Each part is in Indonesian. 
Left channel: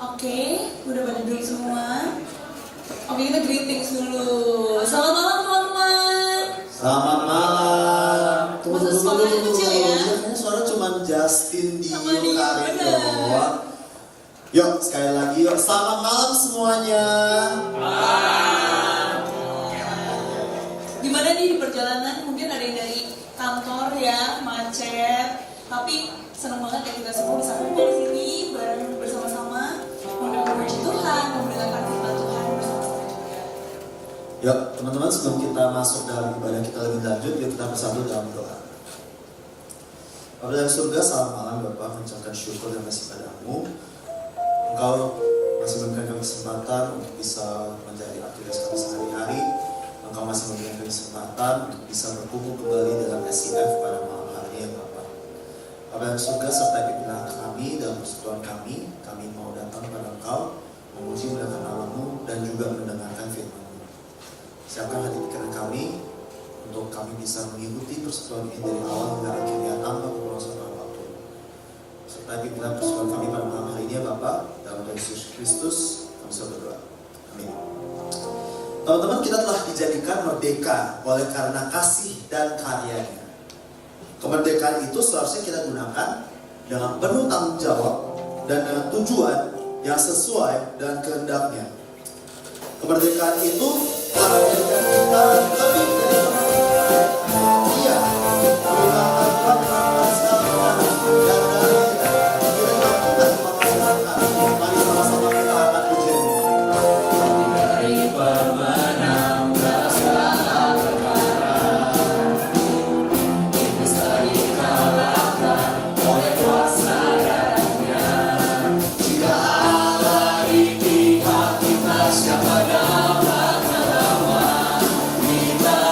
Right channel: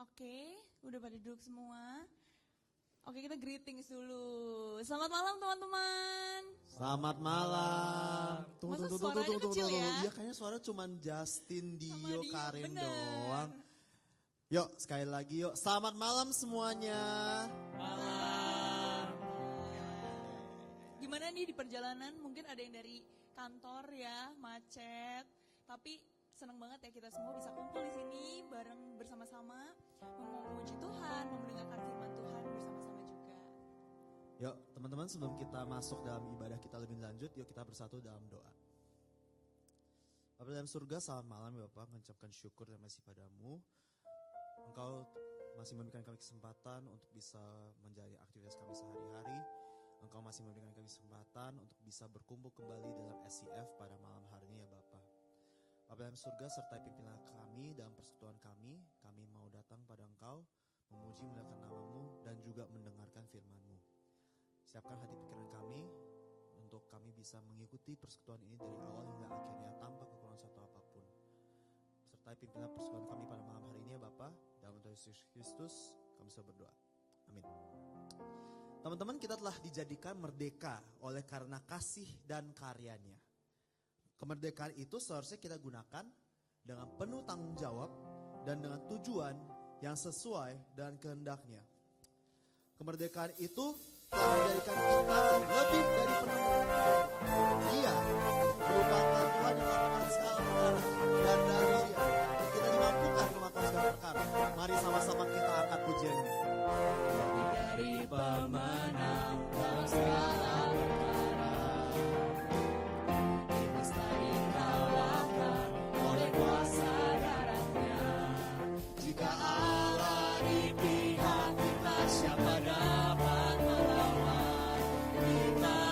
Oke, udah pada duduk semua. Oke, kita greetings dulu. Selamat malam teman-teman. Selamat malam. Masa suaranya kecil ya? Kayaknya suara cuma Justin Sama Dio Dio, Karin bener. doang. Yuk sekali lagi yuk. Selamat malam semuanya. Gimana nih di perjalanan? Mungkin ada yang dari kantor ya, macet. Tapi seneng banget ya kita semua bisa kumpul di sini bareng bersama-sama memuji Tuhan, mendengarkan firman Tuhan bersama-sama juga. Yuk teman-teman, sebelum kita masuk dalam ibadah kita lebih lanjut, yuk kita bersatu dalam doa. Bapa dari surga, selamat malam Bapak, mengucapkan syukur dan kasih padamu. Engkau masih memberikan kami kesempatan untuk bisa menjadi aktivitas kami sehari-hari. Engkau masih memberikan kami kesempatan untuk bisa berkumpul kembali dalam SIF pada malam hari ini ya Bapak. Bapa dari surga, sertai pimpinan kami dalam persekutuan kami mau datang kepada Engkau, memuji muliakan nama-Mu dan juga mendengarkan firman-Mu. Siapkan hati pikiran kami untuk kami bisa mengikuti persekutuan ini dari awal hingga akhirnya tanpa kekurangan apapun. Serta pimpinan persekutuan kami pada malam hari ini ya Bapak, dalam nama Yesus Kristus kami sudah berdoa. Amin. Teman-teman, kita telah dijadikan merdeka oleh karena kasih dan karyanya. Kemerdekaan itu seharusnya kita gunakan dengan penuh tanggung jawab dan dengan tujuan yang sesuai dengan kehendaknya. Kemerdekaan itu telah menjadikan kita lebih dari dia menggunakan Tuhan segala dan dari kita lakukan pemasaran. Mari sama-sama kita akan puji. Dari pemenang segala perkara, misteri kalahkan oleh kuasa darahnya. Jika Allah di pihak kita, siapa dapat melawan? Kita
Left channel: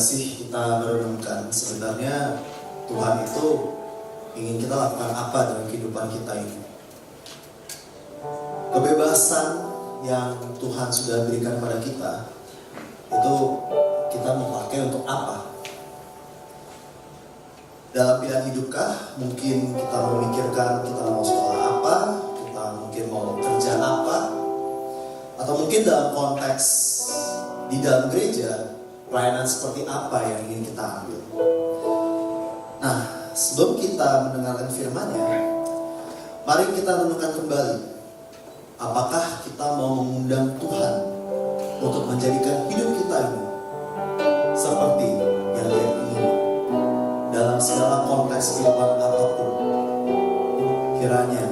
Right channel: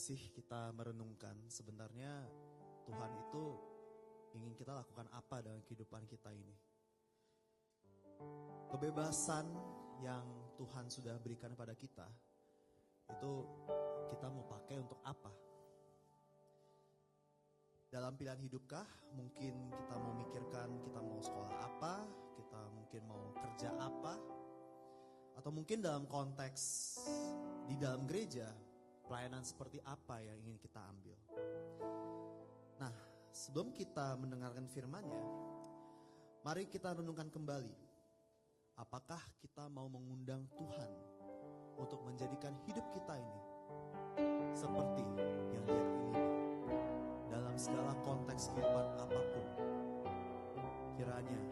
gak sih kita merenungkan sebenarnya Tuhan itu ingin kita lakukan apa dalam kehidupan kita ini? Kebebasan yang Tuhan sudah berikan pada kita itu kita mau pakai untuk apa? Dalam pilihan hidupkah? Mungkin kita memikirkan kita mau sekolah apa, kita mungkin mau kerja apa, atau mungkin dalam konteks di dalam gereja pelayanan seperti apa yang ingin kita ambil. Nah, sebelum kita mendengarkan firman-Nya, mari kita renungkan kembali. Apakah kita mau mengundang Tuhan untuk menjadikan hidup kita ini seperti yang Dia ingin dalam segala konteks kehidupan apapun. Kiranya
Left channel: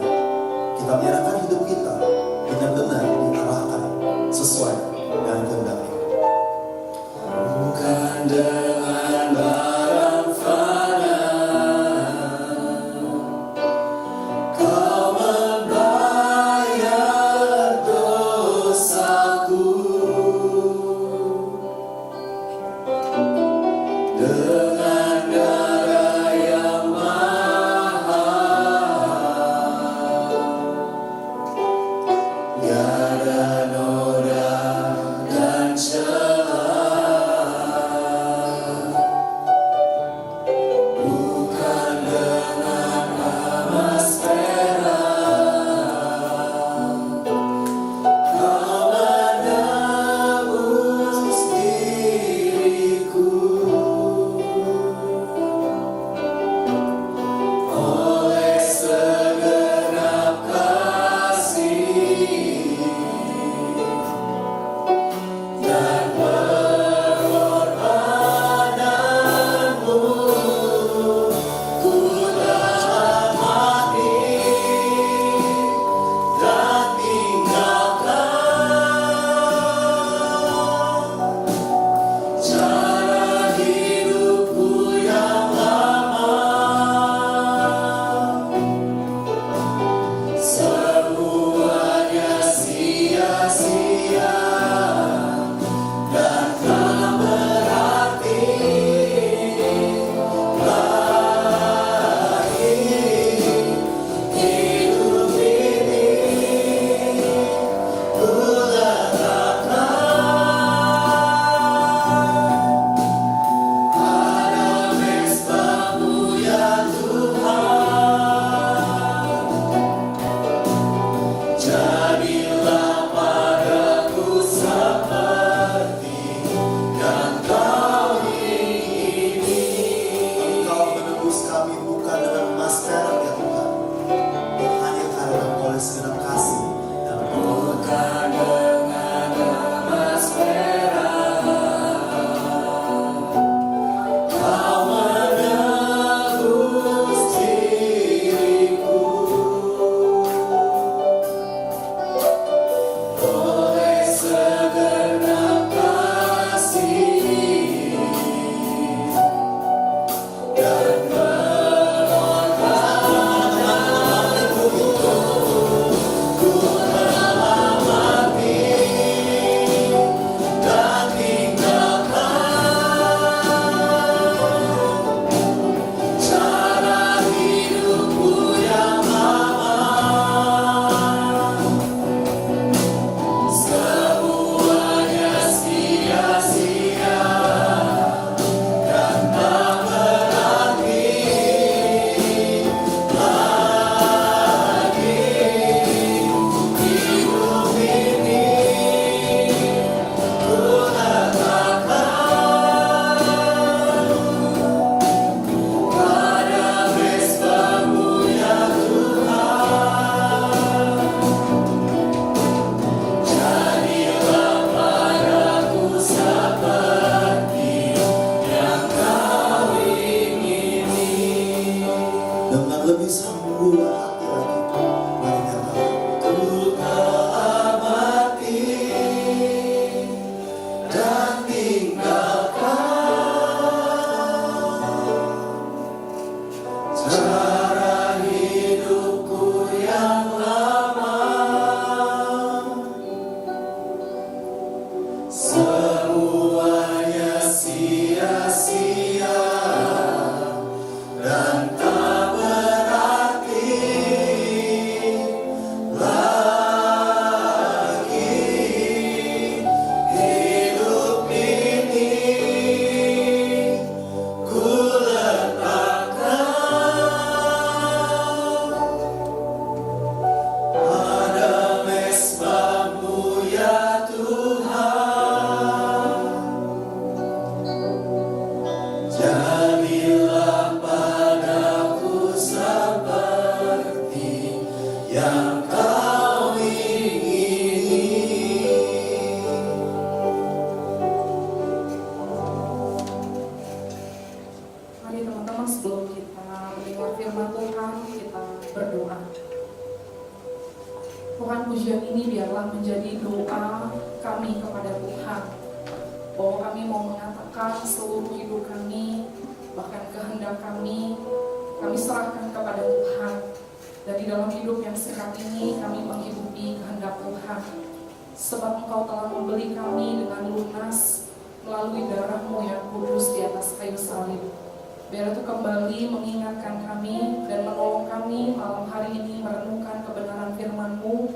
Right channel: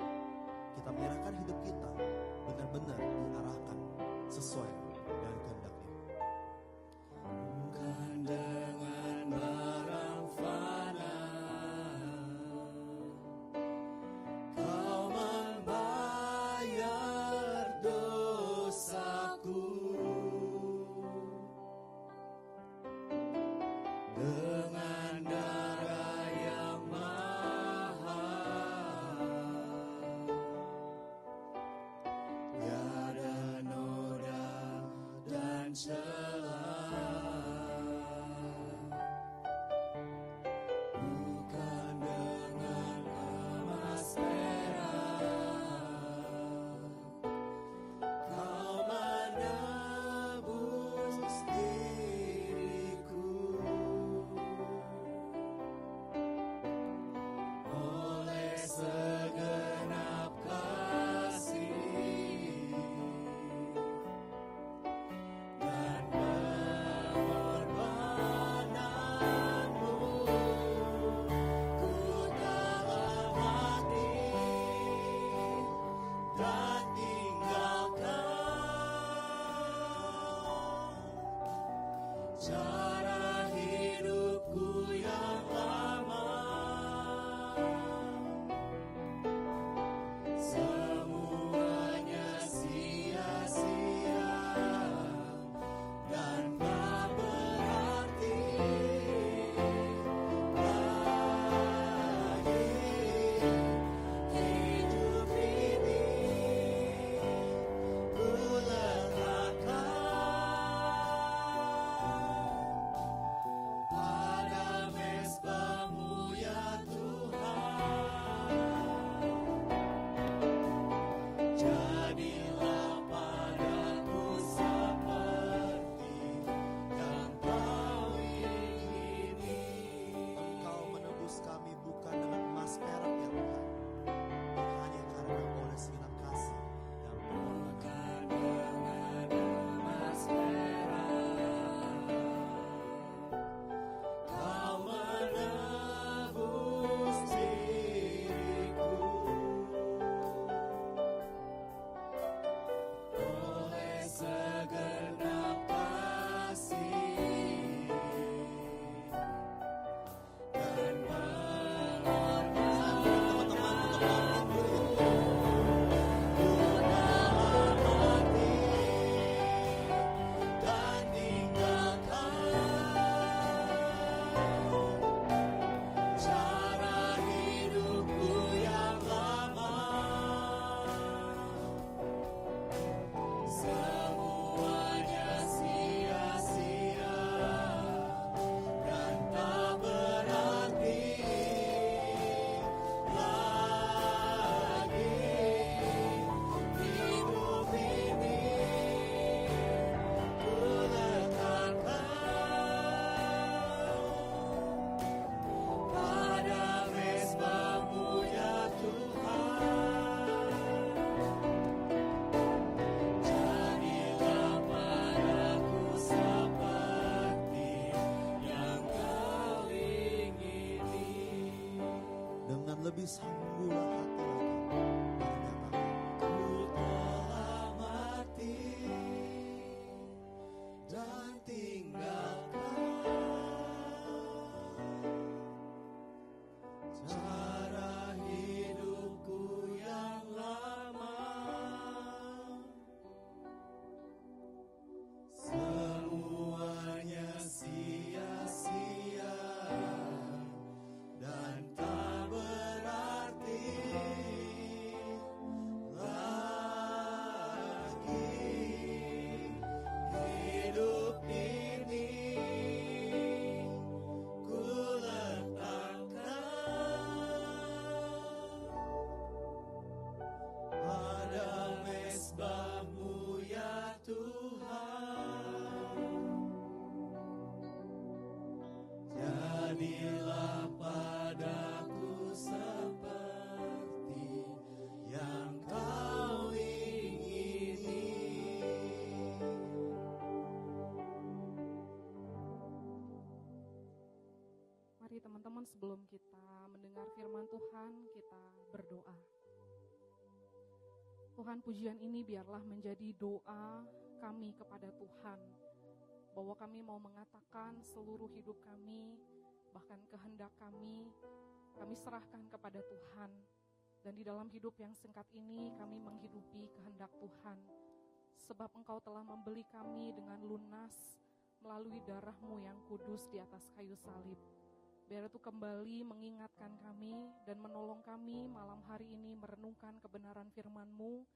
kita menyerahkan hidup kita benar-benar diarahkan sesuai dengan kehendak-Nya. Bukan dengan barang fana Kau membayar dosaku, dengan darah yang mahal, tiada noda dan celah. Bukan dengan emas perak Kau menebus diriku, oleh segenap kasih kita kami kepada Tuhan, bahwa kami mau mengatakan seluruh hidup kami, bahkan kehendak kami serahkan kepada Tuhan. Dan di dalam hidup yang sehat ini kami menghidupi kehendak Tuhan, sebab Engkau telah membeli kami dengan lunas melalui darah-Mu yang kudus di atas kayu salib. Biar itu kembali mengingatkan kami dan menolong kami malam hari ini merenungkan kebenaran firman-Mu.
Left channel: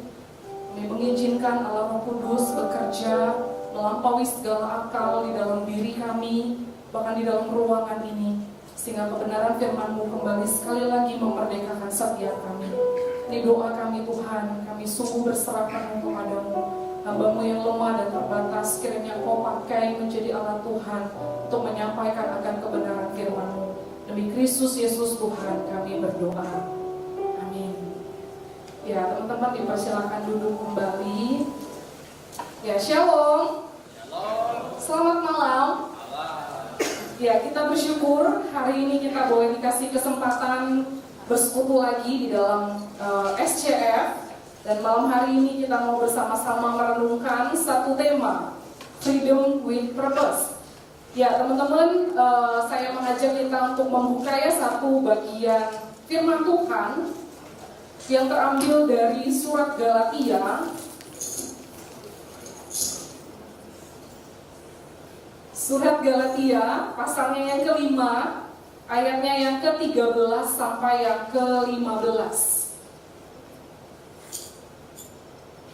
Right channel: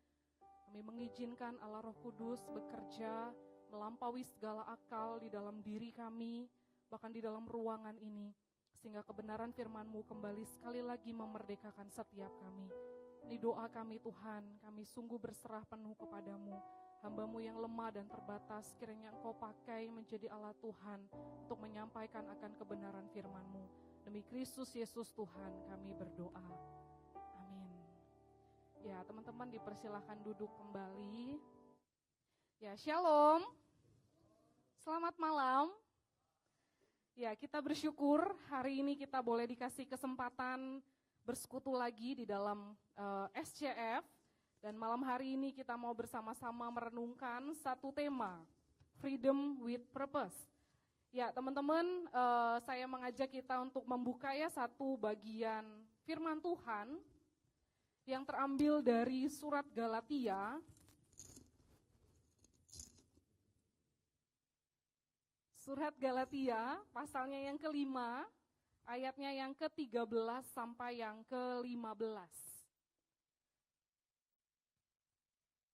Kami mengizinkan Allah Roh Kudus bekerja melampaui segala akal di dalam diri kami, bahkan di dalam ruangan ini, sehingga kebenaran firman-Mu kembali sekali lagi memerdekakan setiap kami. Ini doa kami Tuhan, kami sungguh berserah penuh kepadamu. Hamba-Mu yang lemah dan terbatas, kiranya Kau pakai menjadi alat Tuhan untuk menyampaikan akan kebenaran firman-Mu. Demi Kristus Yesus Tuhan kami berdoa. Amin. Ya, teman-teman dipersilakan duduk kembali. Ya, shalom. Selamat malam. Ya, kita bersyukur hari ini kita boleh dikasih kesempatan bersekutu lagi di dalam SCF. Dan malam hari ini kita mau bersama-sama merenungkan satu tema, Freedom with Purpose. Ya, teman-teman, saya mengajak kita untuk membuka ya satu bagian firman Tuhan yang terambil dari surat Galatia. Surat Galatia, pasalnya yang kelima, ayatnya yang ke-13 sampai yang ke-15.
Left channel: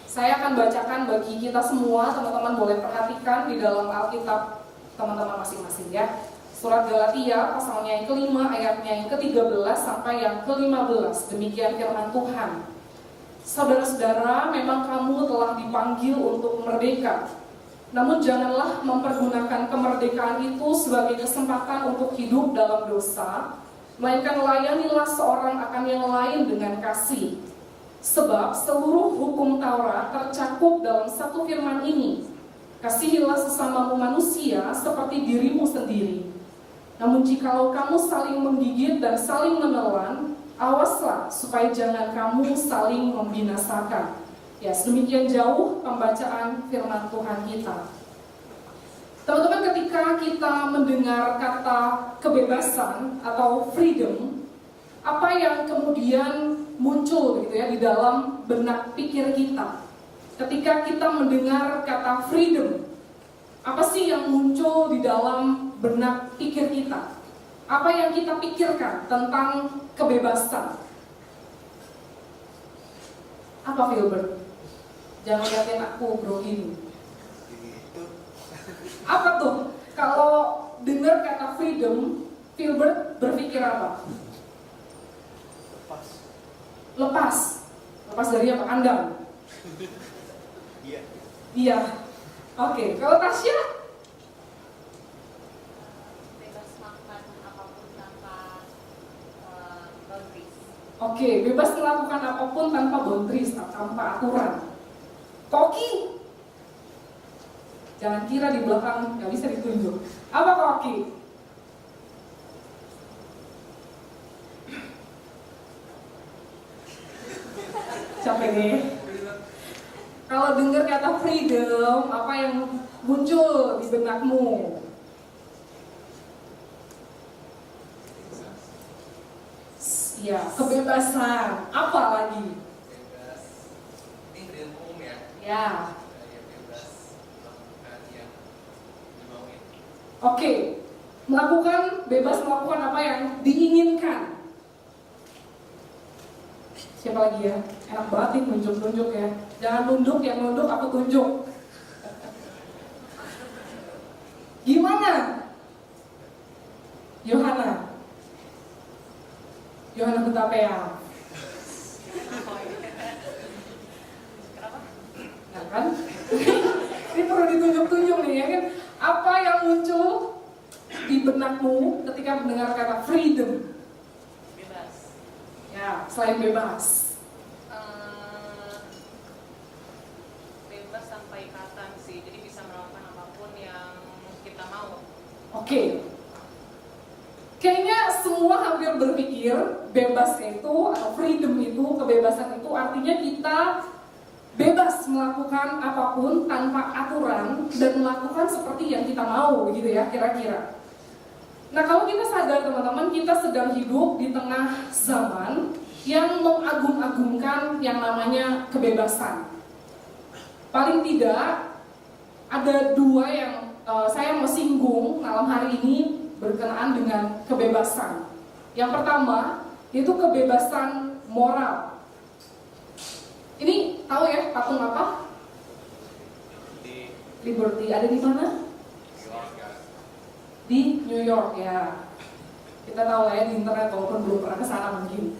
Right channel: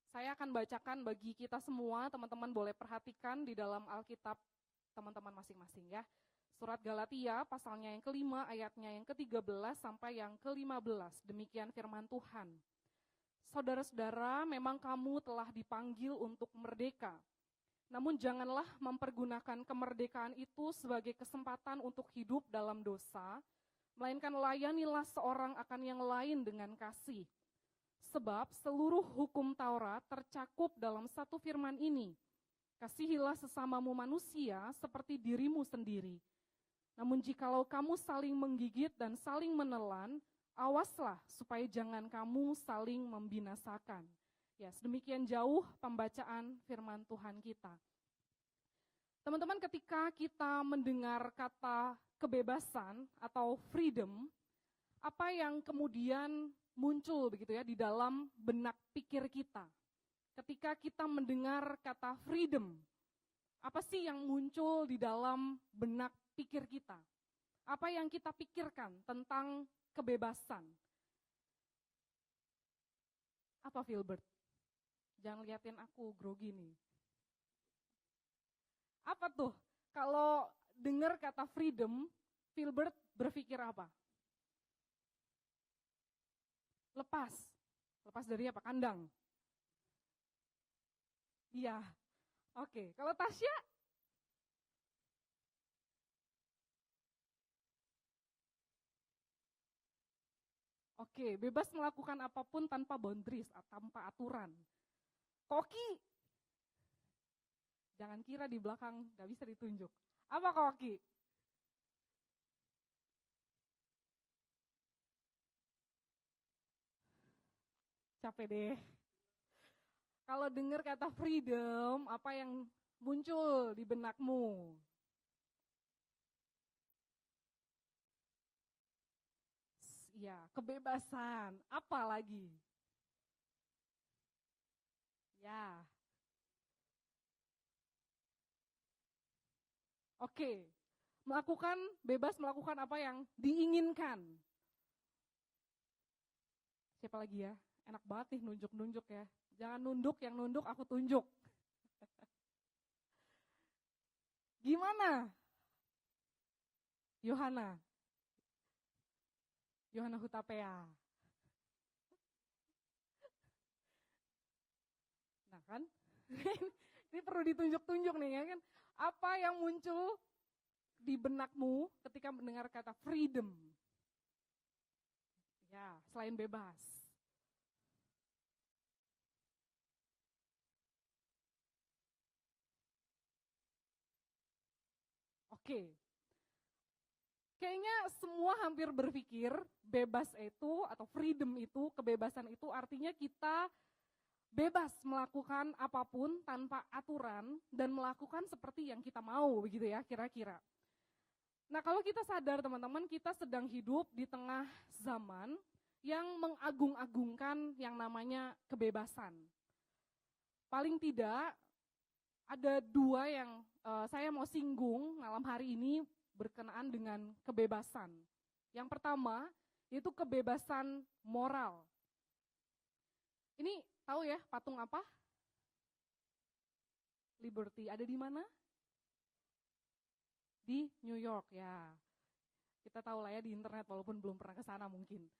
Saya akan bacakan bagi kita semua, teman-teman boleh perhatikan di dalam Alkitab teman-teman masing-masing ya. Surat Galatia, pasalnya yang kelima, ayatnya yang ke-13 sampai yang ke-15. Demikian firman Tuhan. Saudara-saudara, memang kamu telah dipanggil untuk merdeka. Namun janganlah mempergunakan kemerdekaan itu sebagai kesempatan untuk hidup dalam dosa, melainkan layanilah seorang akan yang lain dengan kasih. Sebab seluruh hukum Taurat tercakup dalam satu firman ini, kasihilah sesamamu manusia seperti dirimu sendiri. Namun jikalau kamu saling menggigit dan saling menelan, awaslah supaya jangan kamu saling membinasakan. Ya, sedemikian jauh pembacaan firman Tuhan kita. Teman-teman, ketika kita mendengar kata kebebasan atau freedom, apa yang kemudian muncul gitu ya di dalam benak pikir kita? Ketika kita mendengar kata freedom, apa sih yang muncul di dalam benak pikir kita? Apa yang kita pikirkan tentang kebebasan? Apa, Filbert? Jangan liatin aku, bro, ini. Apa tuh? Kalau dengar kata freedom, Filbert berpikir apa? Lepas dari apa? Andang? Iya. Oke, kalau Tasya? Bebas makan apapun tanpa boundaries. Oke, bebas melakukan apapun tanpa boundaries, tanpa aturan. Koki? Jangan kira di belakang nggak bisa ditunjuk. Apa Koki? Capek nih. Kalau dengar kata freedom, apa yang muncul di benakmu? Ya, kebebasan. Apa lagi? Bebas. Ini freedom umum ya. Ya. Ya bebas melakukan yang dimauin. Oke. Bebas melakukan apa yang diinginkan. Siapa lagi ya? Enak banget nih nunjuk-nunjuk ya. Jangan nunduk, yang nunduk aku tunjuk. Gimana? Yohana Hutapea. Nah kan? Ini perlu ditunjuk-tunjuk nih ya kan? Apa yang muncul di benakmu ketika mendengar kata freedom? Bebas. Ya, selain bebas. Bebas tanpa ikatan sih, jadi bisa melakukan apapun yang kita mau. Oke. Kayaknya semua hampir berpikir bebas itu atau freedom itu, kebebasan itu artinya kita bebas melakukan apapun tanpa aturan dan melakukan seperti yang kita mau, begitu ya kira-kira. Nah, kalau kita sadar teman-teman, kita sedang hidup di tengah zaman yang mengagung-agungkan yang namanya kebebasan. Paling tidak ada dua yang saya mau singgung malam hari ini berkenaan dengan kebebasan. Yang pertama, yaitu kebebasan moral. Ini tahu ya patung apa? Liberty. Ada di mana? Di New York ya. Kita tahu lah ya di internet walaupun belum pernah ke sana mungkin.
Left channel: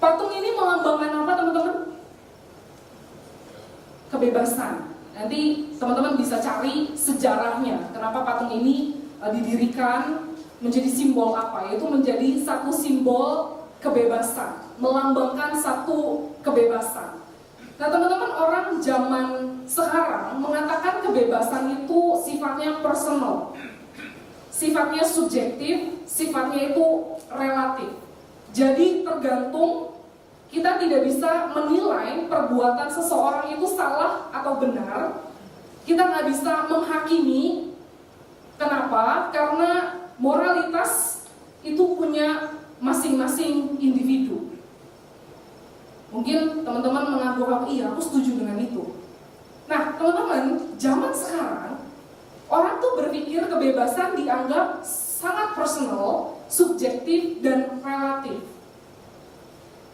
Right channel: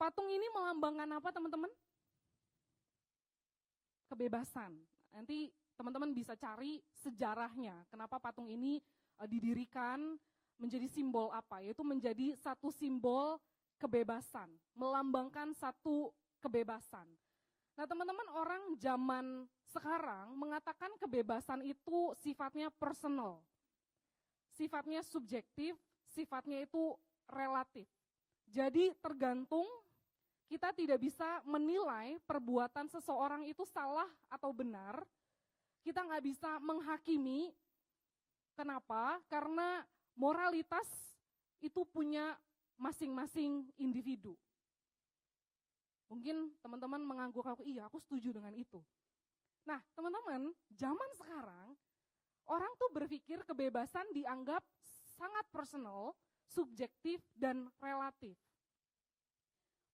Patung ini melambangkan apa teman-teman? Kebebasan. Nanti teman-teman bisa cari sejarahnya. Kenapa patung ini didirikan, menjadi simbol apa? Yaitu menjadi satu simbol kebebasan, melambangkan satu kebebasan. Nah teman-teman, orang zaman sekarang mengatakan kebebasan itu sifatnya personal, sifatnya subjektif, sifatnya itu relatif. Jadi tergantung, kita tidak bisa menilai perbuatan seseorang itu salah atau benar. Kita nggak bisa menghakimi. Kenapa? Karena moralitas itu punya masing-masing individu. Mungkin teman-teman menganggap, iya aku setuju dengan itu. Nah teman-teman, zaman sekarang orang tuh berpikir kebebasan dianggap sangat personal, subjektif, dan relatif.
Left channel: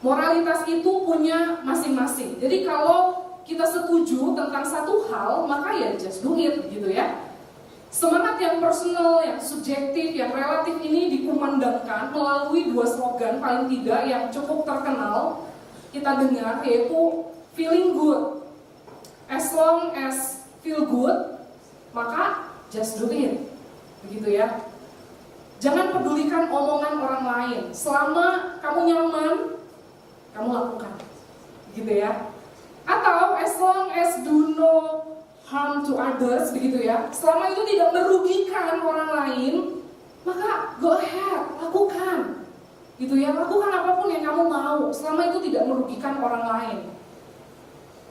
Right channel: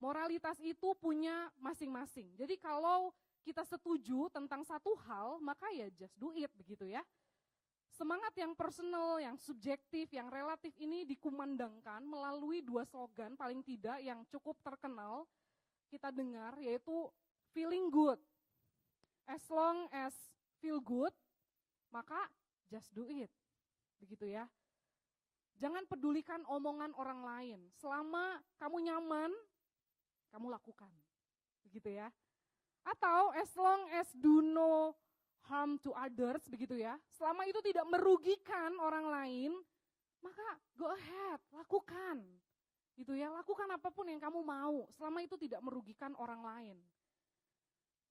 Moralitas itu punya masing-masing. Jadi kalau kita setuju tentang satu hal, maka ya just do it gitu ya. Semangat yang personal, yang subjektif, yang relatif ini dikumandangkan melalui dua slogan paling tidak yang cukup terkenal kita dengar, yaitu feeling good. As long as feel good, maka just do it. Begitu ya. Jangan pedulikan omongan orang lain. Selama kamu nyaman, kamu lakukan. Gitu ya. Atau as long as do no harm to others, begitu ya. Selama itu tidak merugikan orang lain, maka go ahead, lakukan. Gitu ya, lakukan apapun yang kamu mau, selama itu tidak merugikan orang lain.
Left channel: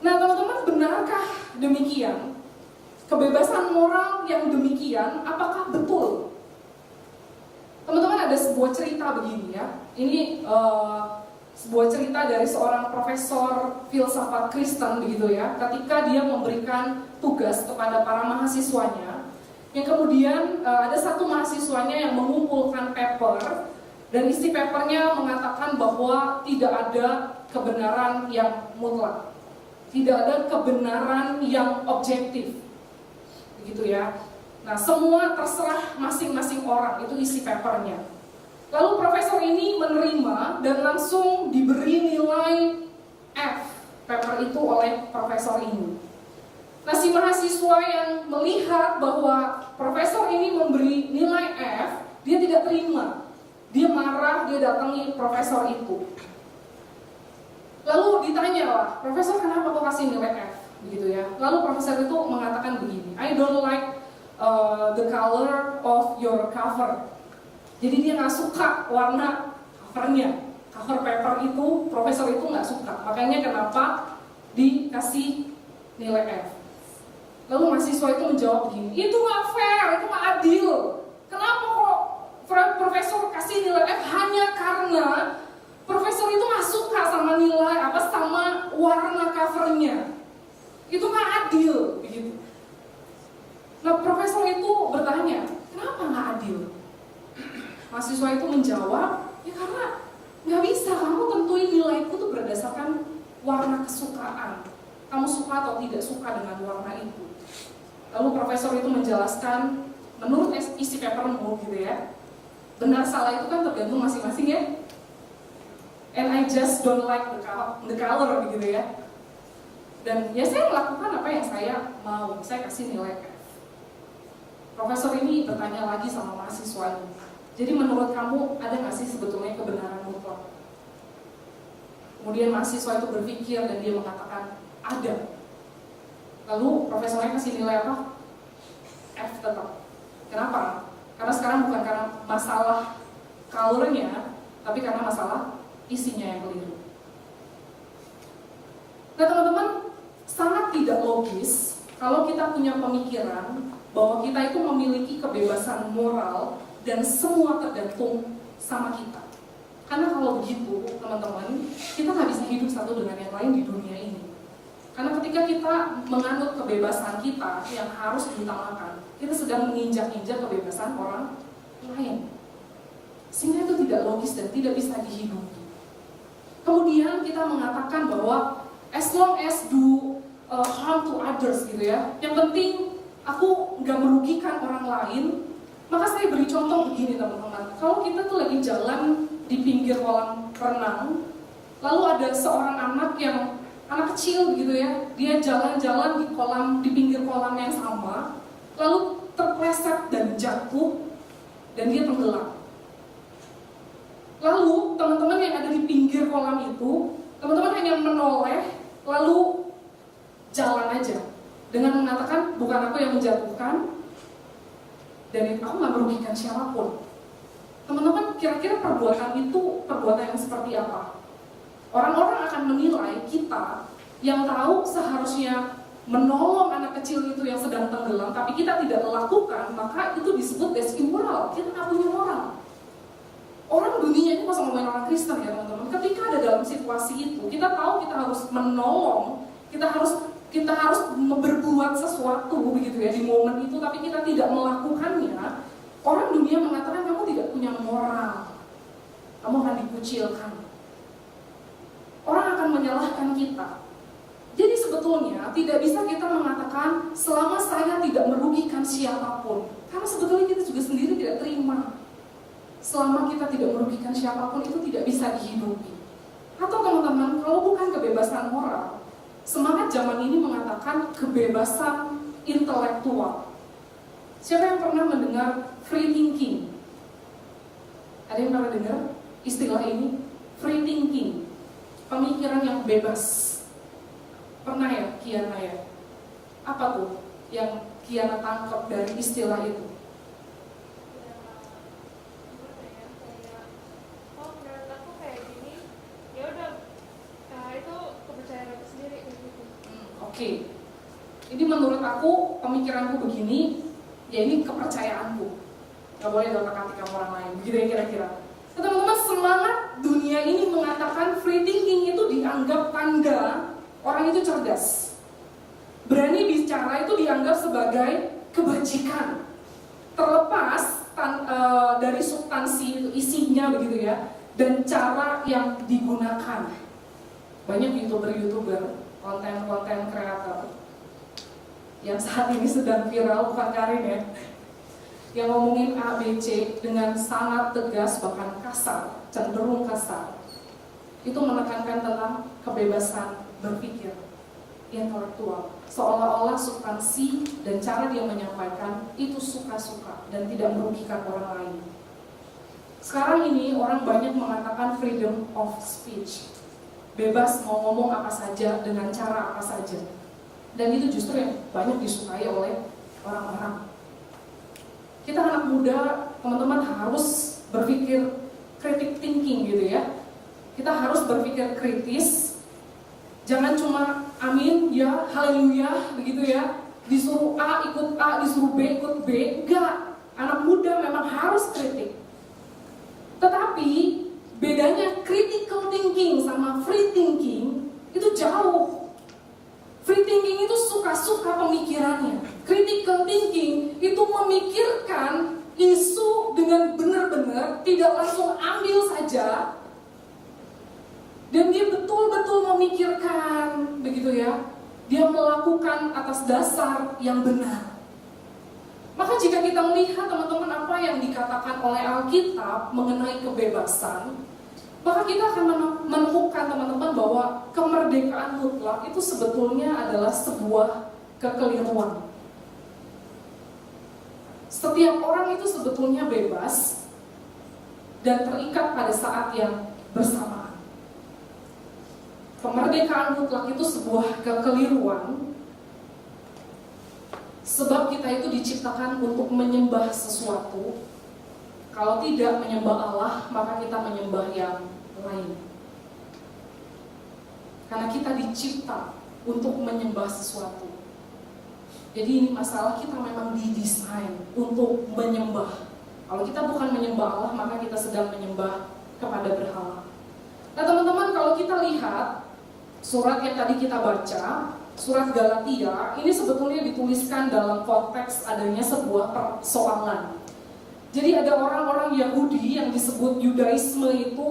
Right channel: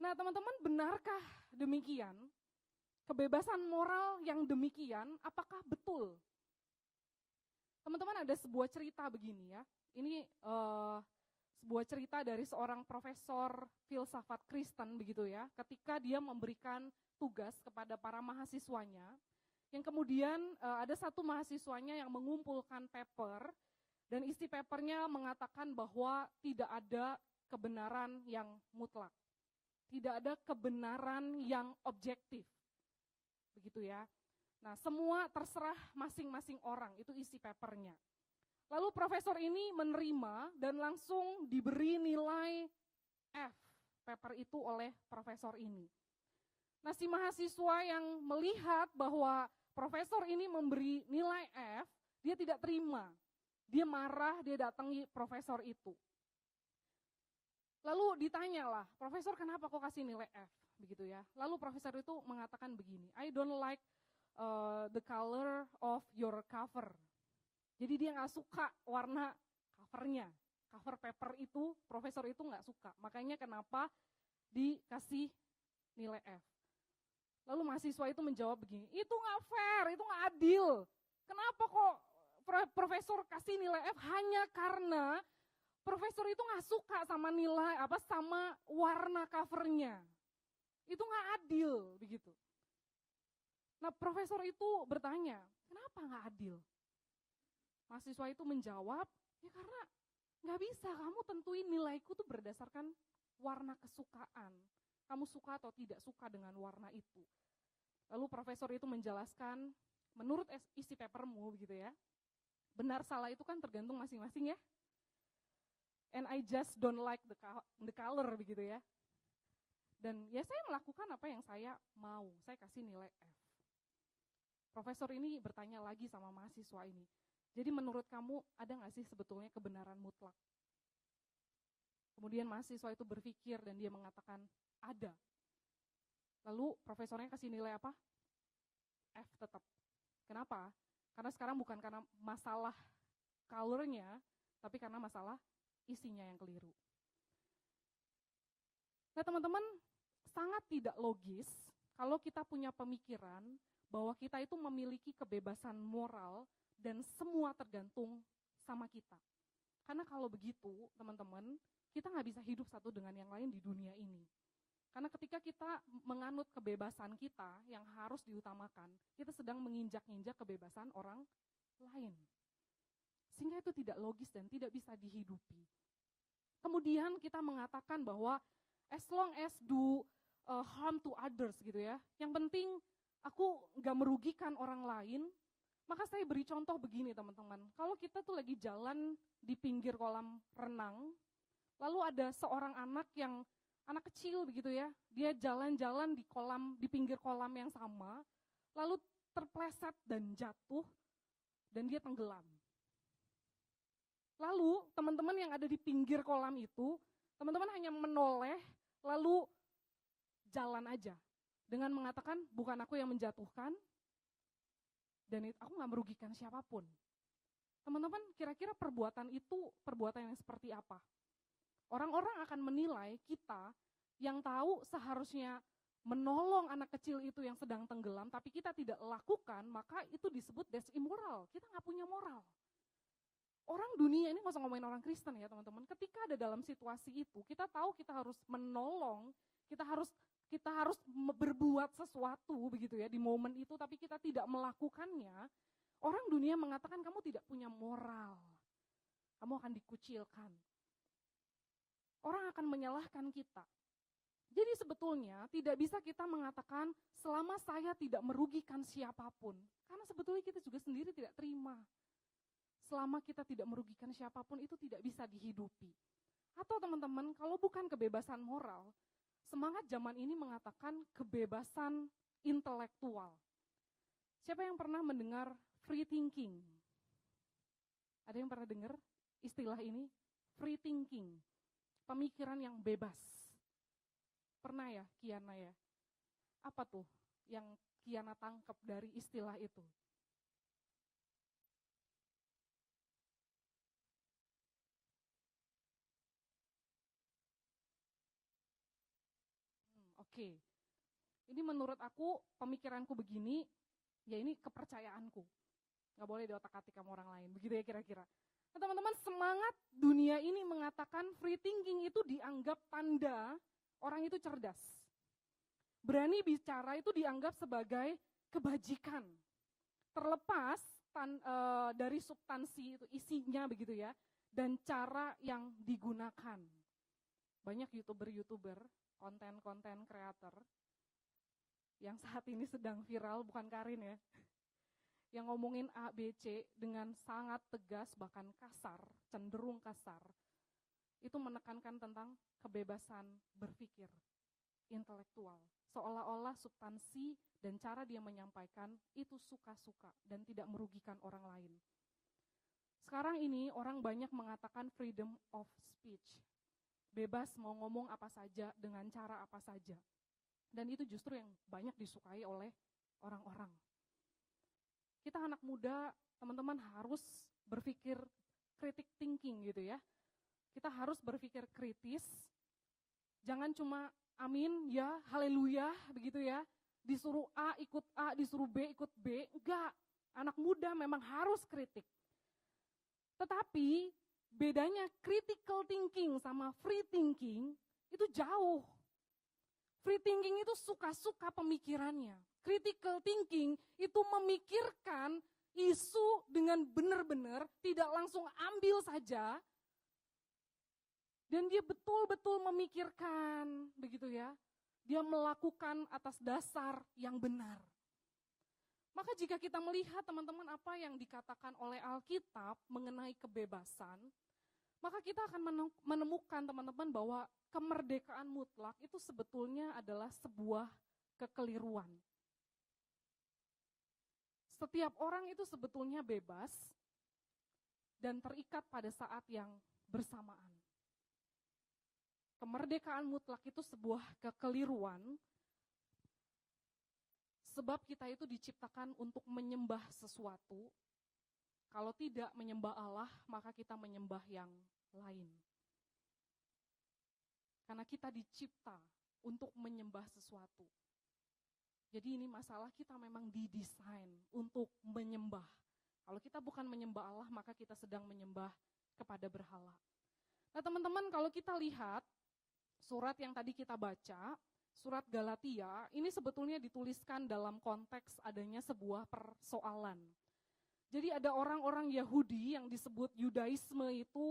Nah teman-teman, benarkah demikian? Kebebasan moral yang demikian, apakah betul? Teman-teman, ada sebuah cerita begini ya. Ini sebuah cerita dari seorang profesor filsafat Kristen begitu ya, ketika dia memberikan tugas kepada para mahasiswanya, yang kemudian ada satu mahasiswanya yang mengumpulkan paper, dan isi papernya mengatakan bahwa tidak ada kebenaran yang mutlak, tidak ada kebenaran yang objektif, begitu ya. Nah semua terserah masing-masing orang, itu isi papernya. Lalu profesor ini menerima dan langsung diberi nilai F paper itu oleh profesor ini. Nah si mahasiswa yang melihat bahwa profesor ini memberi nilai F, dia tidak terima. Dia marah, dia datangi profesor itu. Lalu ditanya lah, profesor kenapa kok kasih nilai F? Begitu ya. Lalu profesor itu mengatakan begini, I don't like the color of your cover. Jadi dia nggak suka warna covernya, cover paper itu profesor itu nggak suka. Makanya kenapa dikasih nilai F. Lalu mahasiswa itu menjawab begini, itu nggak fair, itu nggak adil. Kenapa kok profesor kasih nilai F hanya karena profesor itu nggak suka sama nilai sama warna covernya? Itu nggak adil, begitu. Nah profesor itu bertanya, kenapa nggak adil? Mahasiswa itu menjawab, ya karena nggak bisa kamu tentuin nilai itu tuh berdasarkan warna kesukaan. Kamu suka atau tidak suka dengan warna itu. Lalu profesor itu menjelaskan, menurut isi papermu gitu ya, benar salah itu kan tergantung masing-masing ya. And I just don't like the color begitu ya. Dan ya saya melakukan apa yang saya mau, saya kasih nilai F. Profesor ini bertanya lagi sama mahasiswa ini. Jadi menurut kamu ada nggak sih sebetulnya kebenaran mutlak? Kemudian mahasiswa itu berpikir dan dia mengatakan ada. Lalu profesornya kasih nilai apa? F tetap. Kenapa? Karena sekarang bukan karena masalah colornya, tapi karena masalah isinya yang keliru. Nah teman-teman, sangat tidak logis kalau kita punya pemikiran bahwa kita itu memiliki kebebasan moral dan semua tergantung sama kita. Karena kalau begitu, teman-teman, kita nggak bisa hidup satu dengan yang lain di dunia ini. Karena ketika kita menganut kebebasan kita yang harus diutamakan, kita sedang menginjak-injak kebebasan orang lain. Sehingga itu tidak logis dan tidak bisa dihidupi. Kemudian kita mengatakan bahwa as long as do harm to others gitu ya, yang penting aku nggak merugikan orang lain. Maka saya beri contoh begini teman-teman, kalau kita tuh lagi jalan di pinggir kolam renang, lalu ada seorang anak kecil begitu ya, dia jalan-jalan di pinggir kolam yang sama, lalu terpleset dan jatuh dan dia tenggelam. Lalu teman-teman yang ada di pinggir kolam itu, teman-teman hanya menoleh lalu jalan aja dengan mengatakan bukan aku yang menjatuhkan dan aku nggak merugikan siapapun. Teman-teman, kira-kira perbuatan itu perbuatan yang seperti apa? Orang-orang akan menilai kita yang tahu seharusnya menolong anak kecil itu yang sedang tenggelam, tapi kita tidak melakukan, maka itu disebut as immoral. Kita nggak punya moral. Orang dunia ini, masa ngomongin orang Kristen ya teman-teman, ketika ada dalam situasi itu, kita tahu kita harus menolong, kita harus berbuat sesuatu begitu ya di momen itu, tapi kita tidak melakukannya. Orang dunia mengatakan kamu tidak punya moral, kamu akan dikucilkan, orang akan menyalahkan kita. Jadi sebetulnya tidak bisa kita mengatakan selama saya tidak merugikan siapapun, karena sebetulnya kita juga sendiri tidak terima. Selama kita tidak merugikan siapapun itu tidak bisa dihidupi. Atau teman-teman, kalau bukan kebebasan moral, semangat zaman ini mengatakan kebebasan intelektual. Siapa yang pernah mendengar free thinking? Ada yang pernah dengar istilah ini? Free thinking, pemikiran yang bebas. Pernah ya, Kiana ya? Apa tuh yang Kiana tangkap dari istilah itu? Oke, ini menurut aku, pemikiranku begini, ya ini kepercayaanku. Gak boleh otak-atik sama orang lain, begitu ya kira-kira. Nah, teman-teman, semangat dunia ini mengatakan free thinking itu dianggap tanda orang itu cerdas. Berani bicara itu dianggap sebagai kebajikan. Terlepas dari substansi itu, isinya begitu ya, dan cara yang digunakan. Banyak youtuber, konten kreator yang saat ini sedang viral, bukan Karin ya, yang ngomongin A, B, C dengan sangat tegas, bahkan kasar, cenderung kasar. Itu menekankan tentang kebebasan berpikir intelektual, seolah-olah substansi dan cara dia menyampaikan itu suka-suka dan tidak merugikan orang lain. Sekarang ini orang banyak mengatakan freedom of speech, bebas mau ngomong apa saja dengan cara apa saja, dan itu justru yang banyak disukai oleh orang-orang. Kita anak muda, teman-teman, harus berpikir critic thinking gitu ya. Kita harus berpikir kritis, jangan cuma amin ya, haleluya begitu ya, disuruh A ikut A, disuruh B ikut B. Enggak, anak muda memang harus kritik. Tetapi bedanya critical thinking sama free thinking itu jauh. Free thinking itu suka-suka pemikirannya. Critical thinking itu memikirkan isu dengan benar-benar, tidak langsung ambil saja. Dan dia betul-betul memikirkan, begitu ya. Dia melakukan atas dasar yang benar. Maka jika kita melihat teman-teman apa yang dikatakan oleh Alkitab mengenai kebebasan, maka kita akan menemukan teman-teman bahwa kemerdekaan mutlak itu sebetulnya adalah sebuah kekeliruan. Setiap orang itu sebetulnya bebas dan terikat pada saat yang bersamaan. Kemerdekaan mutlak itu sebuah kekeliruan, sebab kita itu diciptakan untuk menyembah sesuatu. Kalau tidak menyembah Allah, maka kita menyembah yang lain. Karena kita dicipta untuk menyembah sesuatu. Jadi ini masalah kita memang didesain untuk menyembah. Kalau kita bukan menyembah Allah, maka kita sedang menyembah kepada berhala. Nah teman-teman, kalau kita lihat surat yang tadi kita baca, surat Galatia, ini sebetulnya dituliskan dalam konteks adanya sebuah persoalan. Jadi ada orang-orang Yahudi yang disebut Yudaisme itu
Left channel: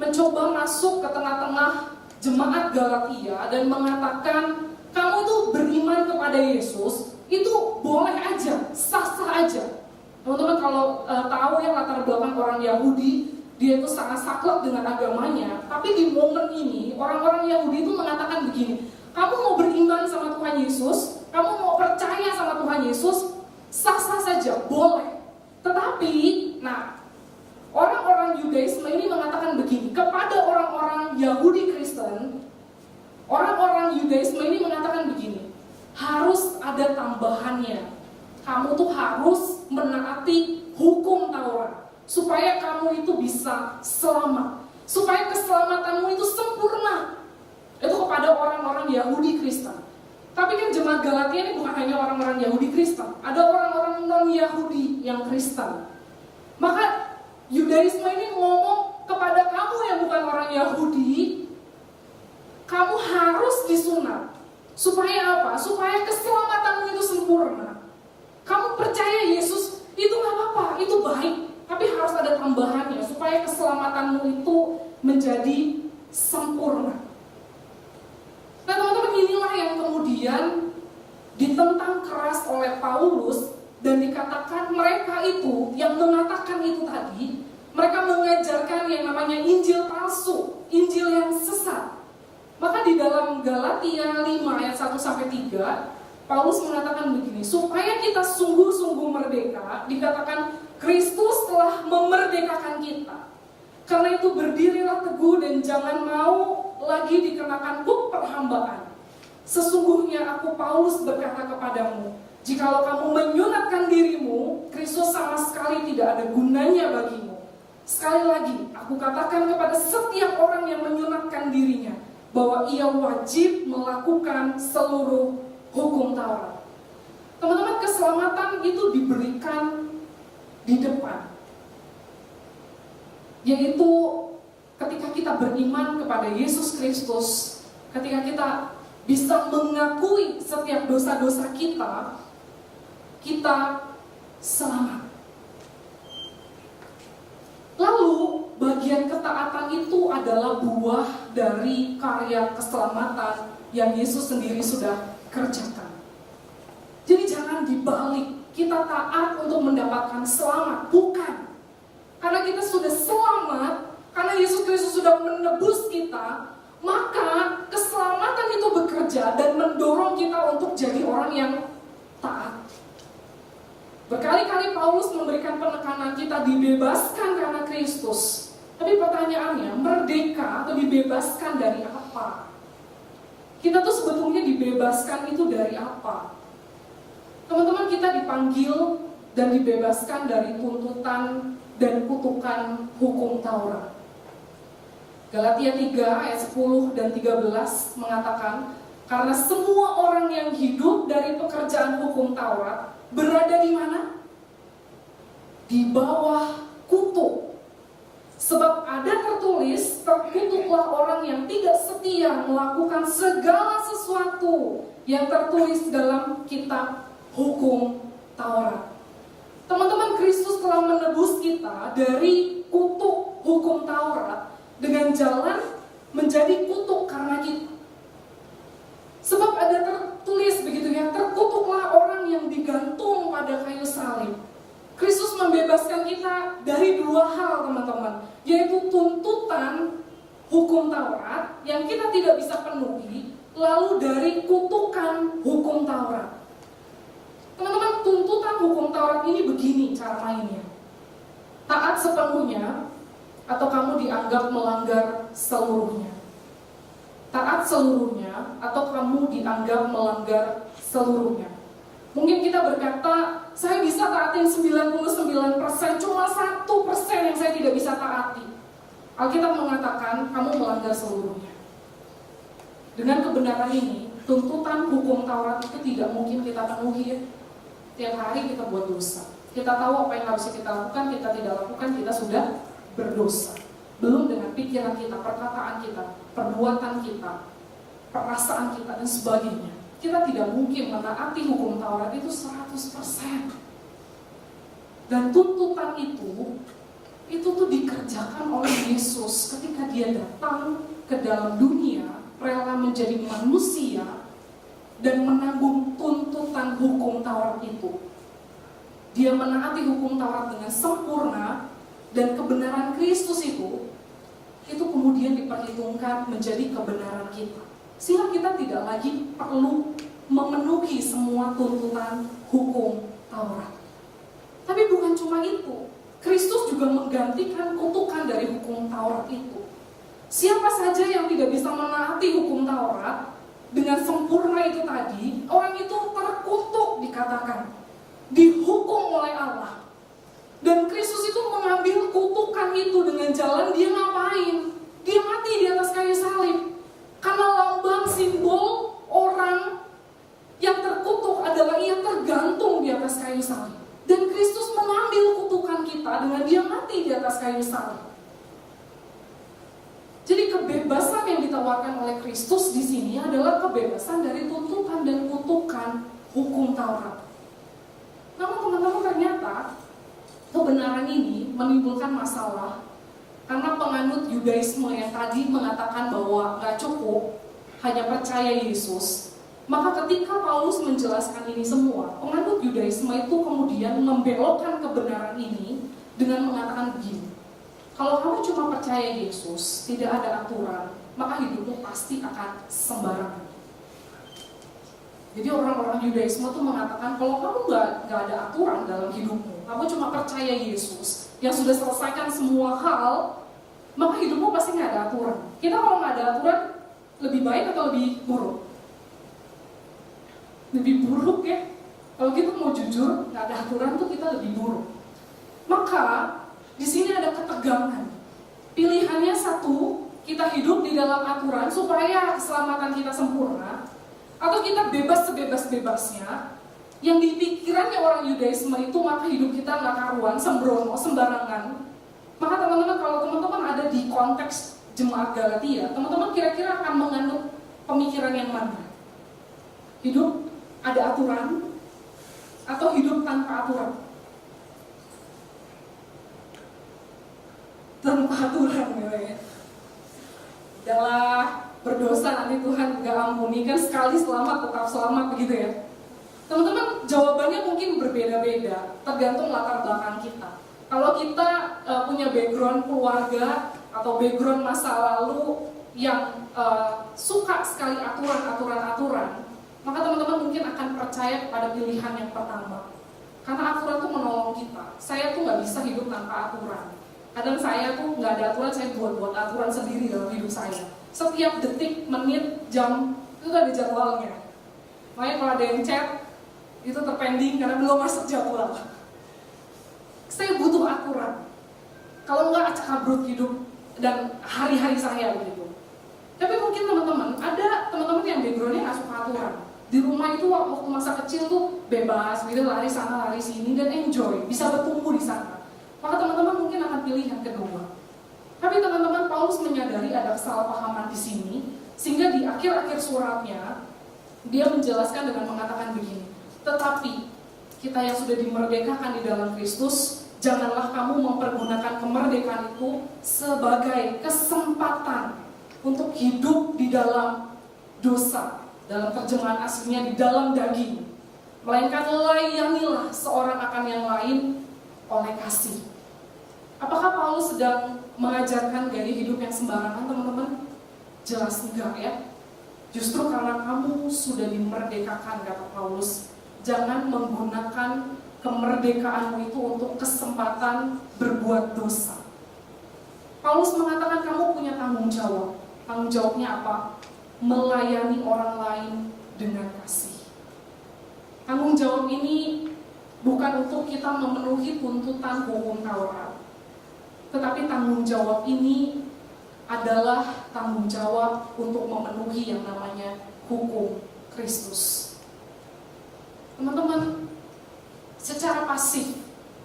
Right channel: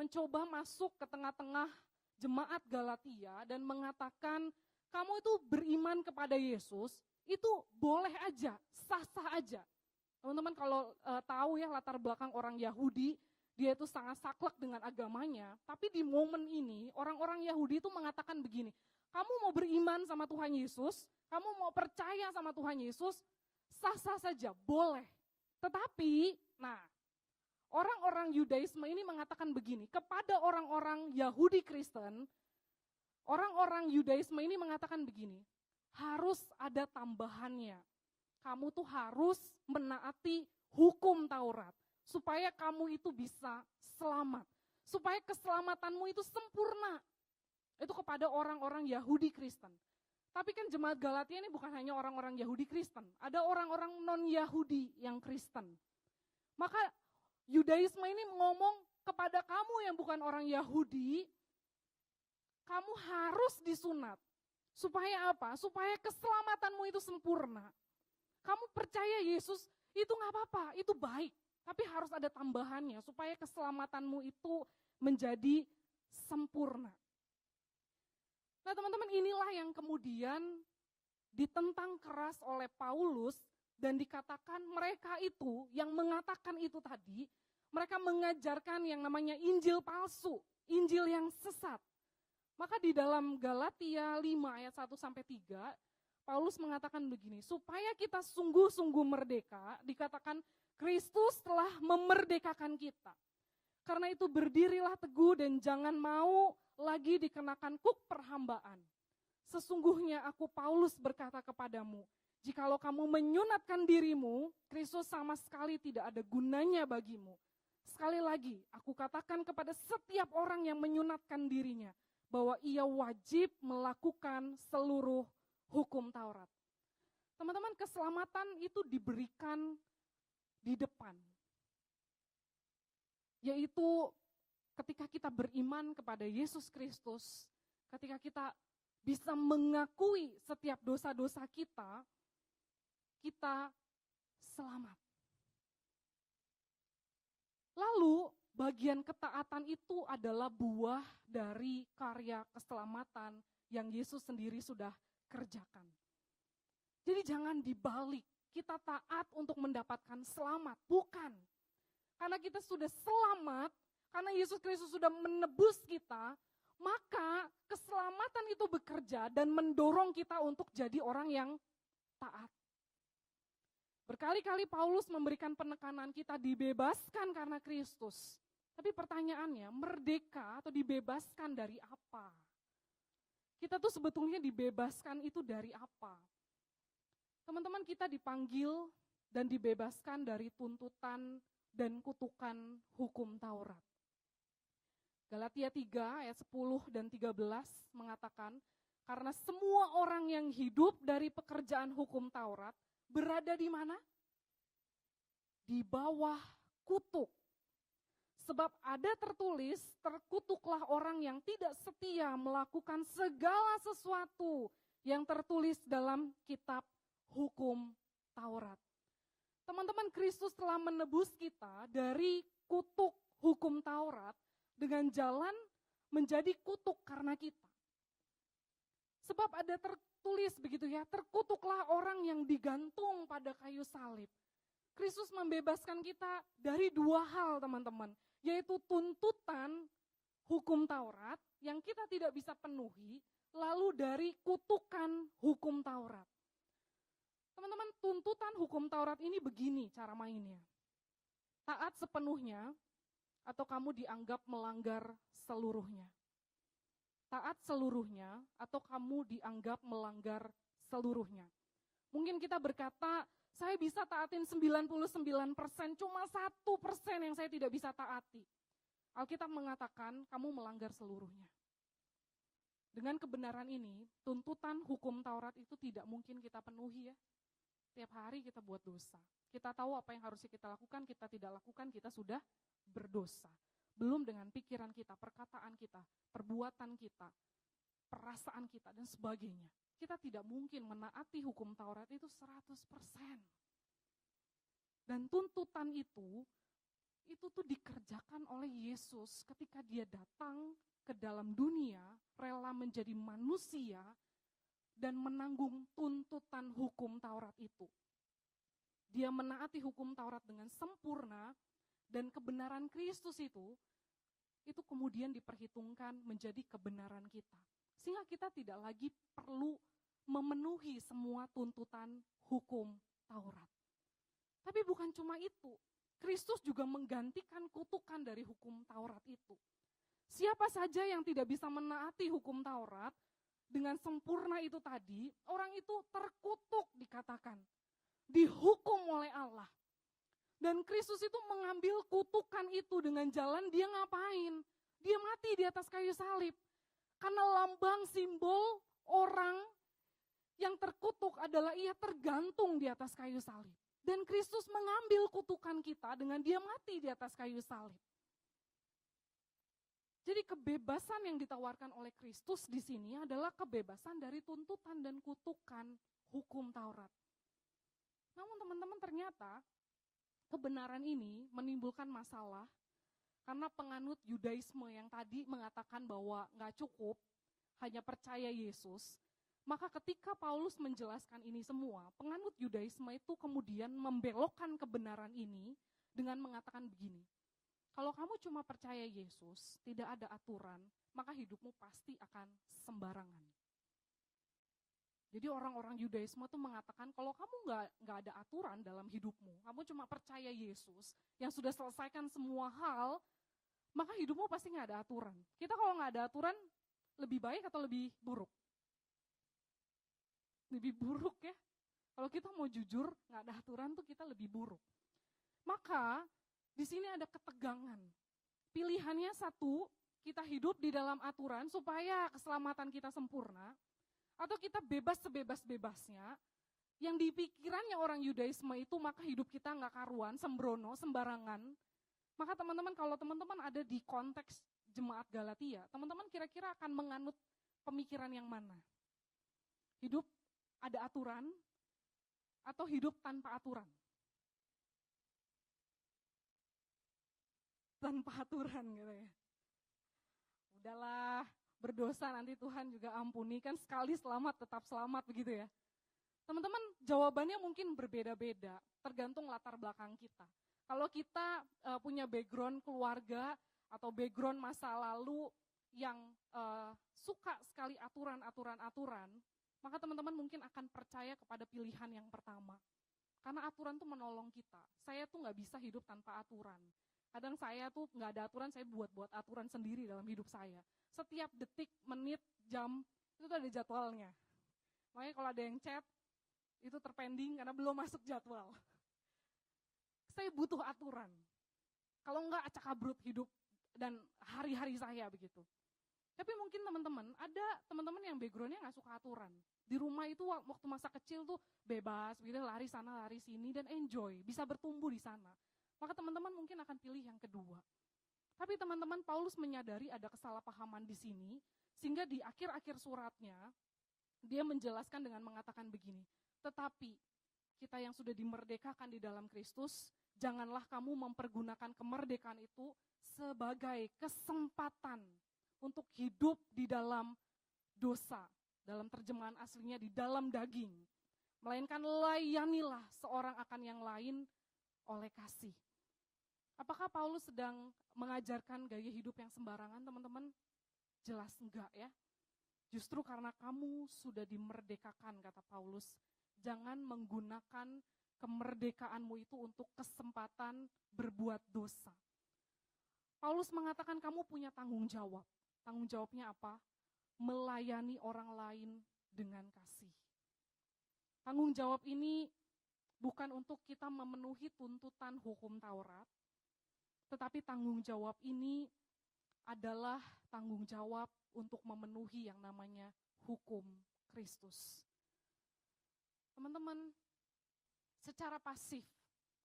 mencoba masuk ke tengah-tengah jemaat Galatia dan mengatakan, kamu tuh beriman kepada Yesus, itu boleh aja, sah-sah aja. Teman-teman kalau tahu ya latar belakang orang Yahudi, dia itu sangat saklek dengan agamanya. Tapi di momen ini, orang-orang Yahudi itu mengatakan begini, kamu mau beriman sama Tuhan Yesus, kamu mau percaya sama Tuhan Yesus, sah-sah saja, boleh. Tetapi, nah, orang-orang Yudaisme ini mengatakan begini, kepada orang-orang Yahudi Kristen, orang-orang Yudaisme ini mengatakan begini, harus ada tambahannya. Kamu tuh harus menaati hukum Taurat supaya kamu itu bisa selamat, supaya keselamatanmu itu sempurna. Itu kepada orang-orang Yahudi Kristen. Tapi kan jemaat Galatia ini bukan hanya orang-orang Yahudi Kristen, ada orang-orang non-Yahudi yang Kristen. Maka Yudaisme ini ngomong kepada kamu yang bukan orang Yahudi, kamu harus disunat. Supaya apa? Supaya keselamatanmu itu sempurna. Kamu percaya Yesus, itu gak apa-apa, itu baik. Tapi harus ada tambahannya, supaya keselamatanmu itu menjadi sempurna. Nah teman-teman, inilah yang kemudian ditentang keras oleh Paulus. Dan dikatakan mereka itu, yang mengatakan itu tadi, mereka mengajarkan yang namanya Injil palsu, Injil yang sesat. Maka di dalam Galatia 5 ayat 1-3, Paulus mengatakan begini, supaya kita sungguh-sungguh merdeka, dikatakan Kristus telah memerdekakan kita. Karena itu berdirilah teguh dan jangan mau lagi dikenakan buk perhambaan. Sesungguhnya aku Paulus berkata kepadamu, jikalau kamu menyunatkan dirimu, Kristus sama sekali tidak ada gunanya bagimu. Sekali lagi, aku katakan kepada setiap orang yang menyunatkan dirinya, bahwa ia wajib melakukan seluruh hukum Taurat. Teman-teman, keselamatan itu diberikan di depan. Yaitu ketika kita beriman kepada Yesus Kristus, ketika kita bisa mengakui setiap dosa-dosa kita, kita selamat. Lalu bagian ketaatan itu adalah buah dari karya keselamatan yang Yesus sendiri sudah kerjakan. Jadi jangan dibalik, kita taat untuk mendapatkan selamat, bukan. Karena kita sudah selamat, karena Yesus Kristus sudah menebus kita, maka keselamatan itu bekerja dan mendorong kita untuk jadi orang yang taat. Berkali-kali Paulus memberikan penekanan kita dibebaskan karena Kristus. Tapi pertanyaannya, merdeka atau dibebaskan dari apa? Kita tuh sebetulnya dibebaskan itu dari apa? Teman-teman, kita dipanggil dan dibebaskan dari tuntutan dan kutukan hukum Taurat. Galatia 3 ayat 10 dan 13 mengatakan, karena semua orang yang hidup dari pekerjaan hukum Taurat berada di mana? Di bawah kutuk. Sebab ada tertulis, terkutuklah orang yang tidak setia melakukan segala sesuatu yang tertulis dalam kitab hukum Taurat. Teman-teman, Kristus telah menebus kita dari kutuk hukum Taurat dengan jalan menjadi kutuk karena kita. Sebab ada tertulis begitu ya, terkutuklah orang yang digantung pada kayu salib. Kristus membebaskan kita dari dua hal, teman-teman, yaitu tuntutan hukum Taurat yang kita tidak bisa penuhi, lalu dari kutukan hukum Taurat. Teman-teman, tuntutan hukum Taurat ini begini cara mainnya. Taat sepenuhnya atau kamu dianggap melanggar seluruhnya. Taat seluruhnya atau kamu dianggap melanggar seluruhnya. Mungkin kita berkata, saya bisa taatin 99%, cuma 1% yang saya tidak bisa taati. Alkitab mengatakan, kamu melanggar seluruhnya. Dengan kebenaran ini, Tuntutan hukum Taurat itu tidak mungkin kita penuhi ya. Tiap hari kita buat dosa. Kita tahu apa yang harus kita lakukan, kita tidak lakukan, kita sudah berdosa. Belum dengan pikiran kita, perkataan kita, perbuatan kita, perasaan kita, dan sebagainya. Kita tidak mungkin menaati hukum Taurat itu 100%. Dan tuntutan itu tuh dikerjakan oleh Yesus ketika dia datang ke dalam dunia, rela menjadi manusia dan menanggung tuntutan hukum Taurat itu. Dia menaati hukum Taurat dengan sempurna, dan kebenaran Kristus itu kemudian diperhitungkan menjadi kebenaran kita. Sehingga kita tidak lagi perlu memenuhi semua tuntutan hukum Taurat. Tapi bukan cuma itu, Kristus juga menggantikan kutukan dari hukum Taurat itu. Siapa saja yang tidak bisa menaati hukum Taurat dengan sempurna itu tadi, orang itu terkutuk dikatakan, dihukum oleh Allah. Dan Kristus itu mengambil kutukan itu dengan jalan dia ngapain? Dia mati di atas kayu salib. Karena lambang simbol orang yang terkutuk adalah ia tergantung di atas kayu salib. Dan Kristus mengambil kutukan kita dengan dia mati di atas kayu salib. Jadi kebebasan yang ditawarkan oleh Kristus di sini adalah kebebasan dari tuntutan dan kutukan hukum Taurat. Namun teman-teman, ternyata kebenaran ini menimbulkan masalah karena penganut Yudaisme yang tadi mengatakan bahwa nggak cukup hanya percaya Yesus. Maka ketika Paulus menjelaskan ini semua, penganut Yudaisme itu kemudian membelokkan kebenaran ini dengan mengatakan begini: kalau kamu cuma percaya Yesus, tidak ada aturan, maka hidupmu pasti akan sembarangan. Jadi orang-orang Yudaisme itu mengatakan kalau kamu nggak ada aturan dalam hidupmu, kamu cuma percaya Yesus yang sudah selesaikan semua hal, maka hidupmu pasti nggak ada aturan. Kita kalau nggak ada aturan, lebih baik atau lebih buruk? Lebih buruk ya. Kalau kita mau jujur, nggak ada aturan tuh kita lebih buruk. Maka di sini ada ketegangan. Pilihannya satu, kita hidup di dalam aturan supaya keselamatan kita sempurna, atau kita bebas sebebas-bebasnya. Yang di pikirannya orang Yudaisme itu, maka hidup kita nggak karuan, sembrono, sembarangan. Maka teman-teman, kalau teman-teman ada di konteks jemaat Galatia, teman-teman kira-kira akan menganut pemikiran yang mana? Hidup ada aturan atau hidup tanpa aturan? Tanpa aturan ya. Udahlah, berdosa nanti Tuhan gak ampuni, kan sekali selamat tetap selamat begitu ya. Teman-teman, jawabannya mungkin berbeda-beda tergantung latar belakang kita. Kalau kita punya background keluarga atau background masa lalu yang suka sekali aturan-aturan, maka teman-teman mungkin akan percaya pada pilihan yang pertama. Karena aturan itu menolong kita. Saya tuh gak bisa hidup tanpa aturan. Kadang saya tuh nggak ada aturan, saya buat aturan sendiri dalam hidup saya. Setiap detik, menit, jam itu ada jadwalnya. Makanya kalau ada yang chat itu terpending karena belum masuk jadwal. Saya butuh aturan. Kalau nggak acak kabrut hidup dan hari-hari saya begitu. Tapi mungkin teman-teman, ada teman-teman yang backgroundnya nggak suka aturan. Di rumah itu waktu masa kecil tuh bebas, gitu lari sana lari sini dan enjoy, bisa bertumbuh di sana. Maka teman-teman mungkin akan pilih yang kedua. Tapi teman-teman, Paulus menyadari ada kesalahpahaman di sini, sehingga di akhir-akhir suratnya dia menjelaskan dengan mengatakan begini: tetapi kita yang sudah dimerdekakan di dalam Kristus, janganlah kamu mempergunakan kemerdekaan itu sebagai kesempatan untuk hidup di dalam dosa. Dalam terjemahan aslinya di dalam daging. Melainkan layanilah seorang akan yang lain oleh kasih. Apakah Paulus sedang mengajarkan gaya hidup yang sembarangan, teman-teman? Jelas enggak ya. Justru karena kamu sudah dimerdekakan, kata Paulus, jangan menggunakan kemerdekaanmu itu untuk kesempatan berbuat dosa. Paulus mengatakan kamu punya tanggung jawab. Tanggung jawabnya apa? Melayani orang lain dengan kasih. Tanggung jawab ini bukan untuk kita memenuhi tuntutan hukum Taurat, tetapi tanggung jawab ini adalah tanggung jawab untuk memenuhi yang namanya hukum Kristus. Teman-teman, secara pasif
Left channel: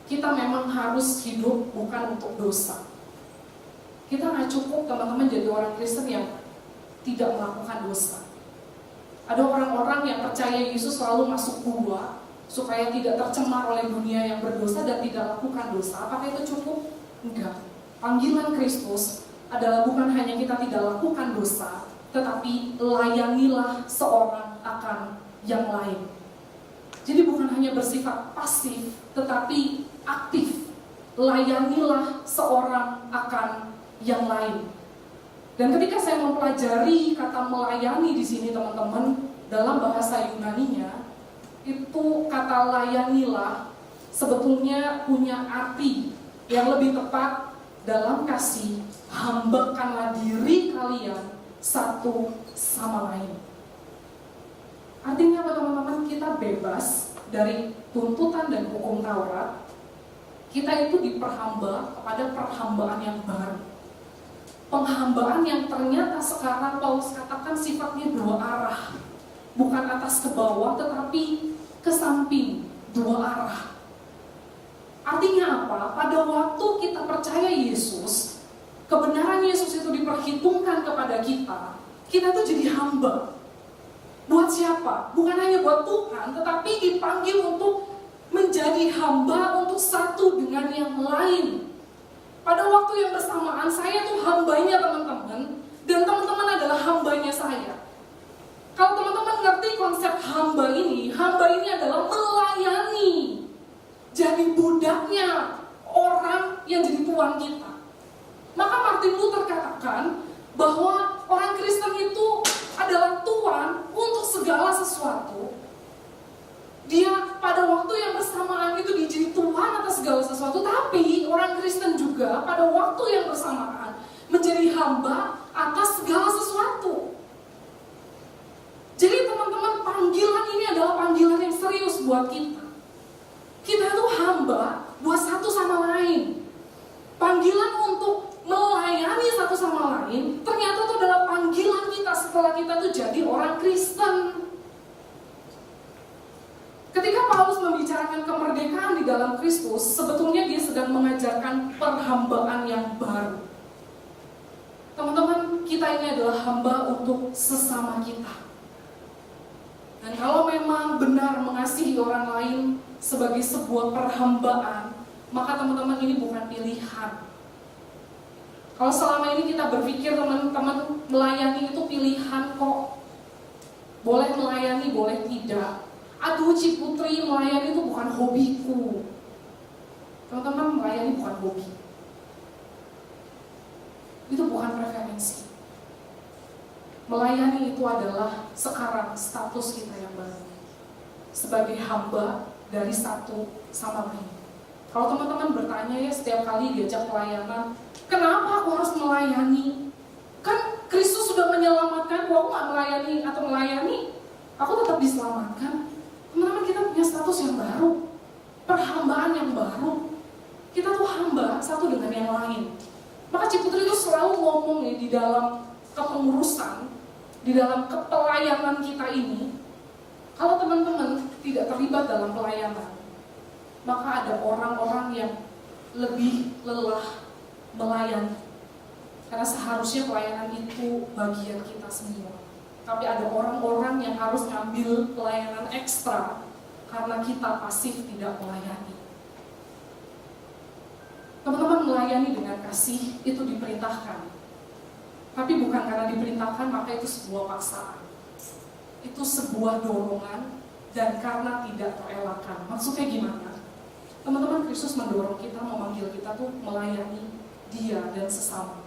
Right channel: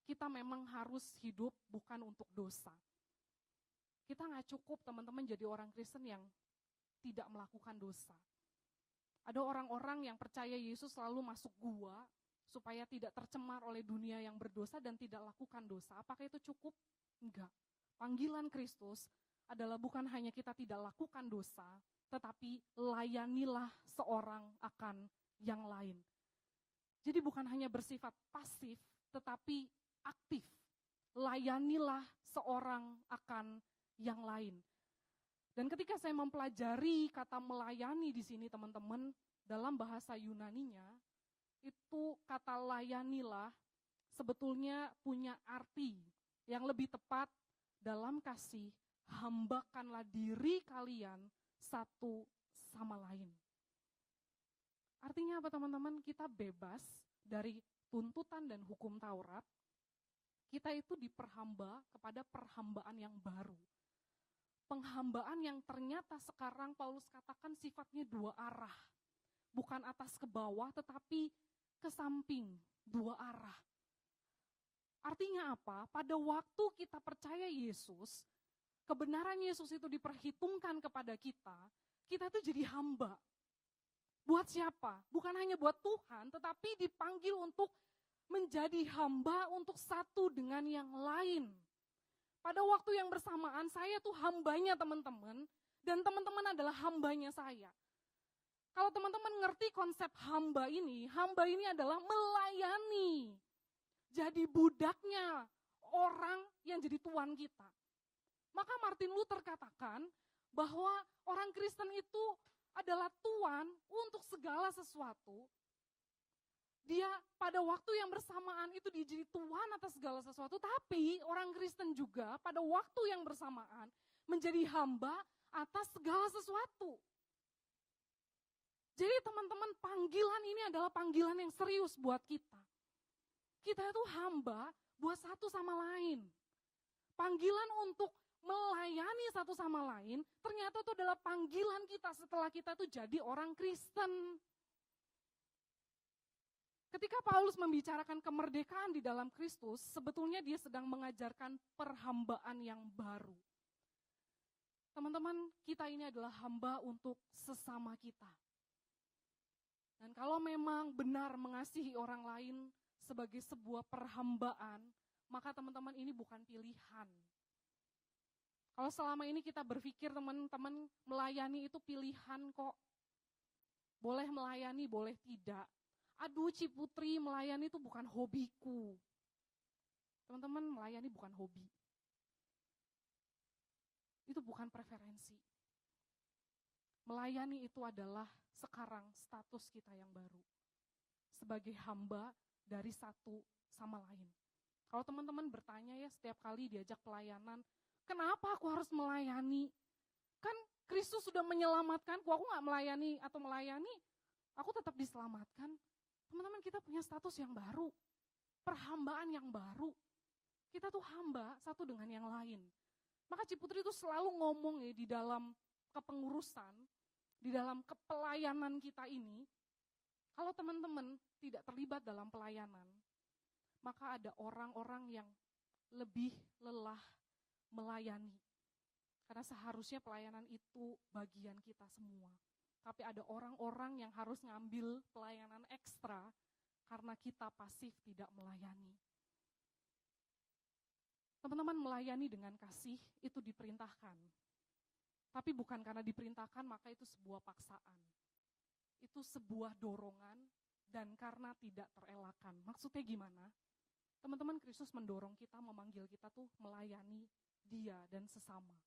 kita memang harus hidup bukan untuk dosa. Kita nggak cukup teman-teman jadi orang Kristen yang tidak melakukan dosa. Ada orang-orang yang percaya Yesus selalu masuk gua supaya tidak tercemar oleh dunia yang berdosa dan tidak lakukan dosa. Apakah itu cukup? Enggak. Panggilan Kristus adalah bukan hanya kita tidak lakukan dosa, tetapi layanilah seorang akan yang lain. Jadi bukan hanya bersifat pasif, tetapi aktif. Layanilah seorang akan yang lain. Dan ketika saya mempelajari kata melayani di sini teman-teman, dalam bahasa Yunaninya, itu kata layanilah sebetulnya punya arti yang lebih tepat dalam kasih, hambakanlah diri kalian satu sama lain. Artinya apa teman-teman? Kita bebas dari tuntutan dan hukum Taurat. Kita itu diperhamba kepada perhambaan yang baru. Penghambaan yang ternyata sekarang Paulus katakan sifatnya dua arah. Bukan atas ke bawah, tetapi ke samping, dua arah. Artinya apa? Pada waktu kita percaya Yesus, kebenaran Yesus itu diperhitungkan kepada kita, kita tuh jadi hamba. Buat siapa? Bukan hanya buat Tuhan, tetapi dipanggil untuk menjadi hamba untuk satu dengan yang lain. Pada waktu yang bersamaan, saya tuh hambanya teman-teman, dan teman-teman adalah hambanya saya. Kalau teman-teman ngerti konsep hamba ini adalah melayani. Jadi budaknya orang yang jadi tuan kita. Maka Martin Luther katakan bahwa orang Kristen itu adalah tuan untuk segala sesuatu. Dia pada waktu yang bersamaan itu dijadi Tuhan atas segala sesuatu, tapi orang Kristen juga pada waktu yang bersamaan menjadi hamba atas segala sesuatu. Jadi teman-teman, panggilan ini adalah panggilan yang serius buat kita. Kita itu hamba buat satu sama lain. Panggilan untuk melayani satu sama lain ternyata itu adalah panggilan kita setelah kita tuh jadi orang Kristen. Ketika Paulus membicarakan kemerdekaan di dalam Kristus, sebetulnya dia sedang mengajarkan perhambaan yang baru. Teman-teman, kita ini adalah hamba untuk sesama kita. Dan kalau memang benar mengasihi orang lain sebagai sebuah perhambaan, maka teman-teman ini bukan pilihan. Kalau selama ini kita berpikir teman-teman melayani itu pilihan kok. Boleh melayani, boleh tidak. Aduh Ciputri, melayani itu bukan hobiku. Teman-teman, melayani bukan hobi. Itu bukan preferensi. Melayani itu adalah sekarang status kita yang baru. Sebagai hamba dari satu sama lain. Kalau teman-teman bertanya ya setiap kali diajak pelayanan, kenapa aku harus melayani? Kan Kristus sudah menyelamatkan, aku gak melayani atau melayani, aku tetap diselamatkan. Teman-teman, kita punya status yang baru, perhambaan yang baru. Kita tuh hamba satu dengan yang lain. Maka Ciputri itu selalu ngomong nih di dalam kepengurusan, di dalam kepelayanan kita ini. Kalau teman-teman tidak terlibat dalam pelayanan, maka ada orang-orang yang lebih lelah melayani. Karena seharusnya pelayanan itu bagian kita semua. Tapi ada orang-orang yang harus ngambil pelayanan ekstra karena kita pasif tidak melayani. Teman-teman, melayani dengan kasih itu diperintahkan. Tapi bukan karena diperintahkan maka itu sebuah paksaan. Itu sebuah dorongan dan karena tidak terelakkan. Maksudnya gimana? Teman-teman, Kristus mendorong kita, memanggil kita tuh melayani Dia dan sesama.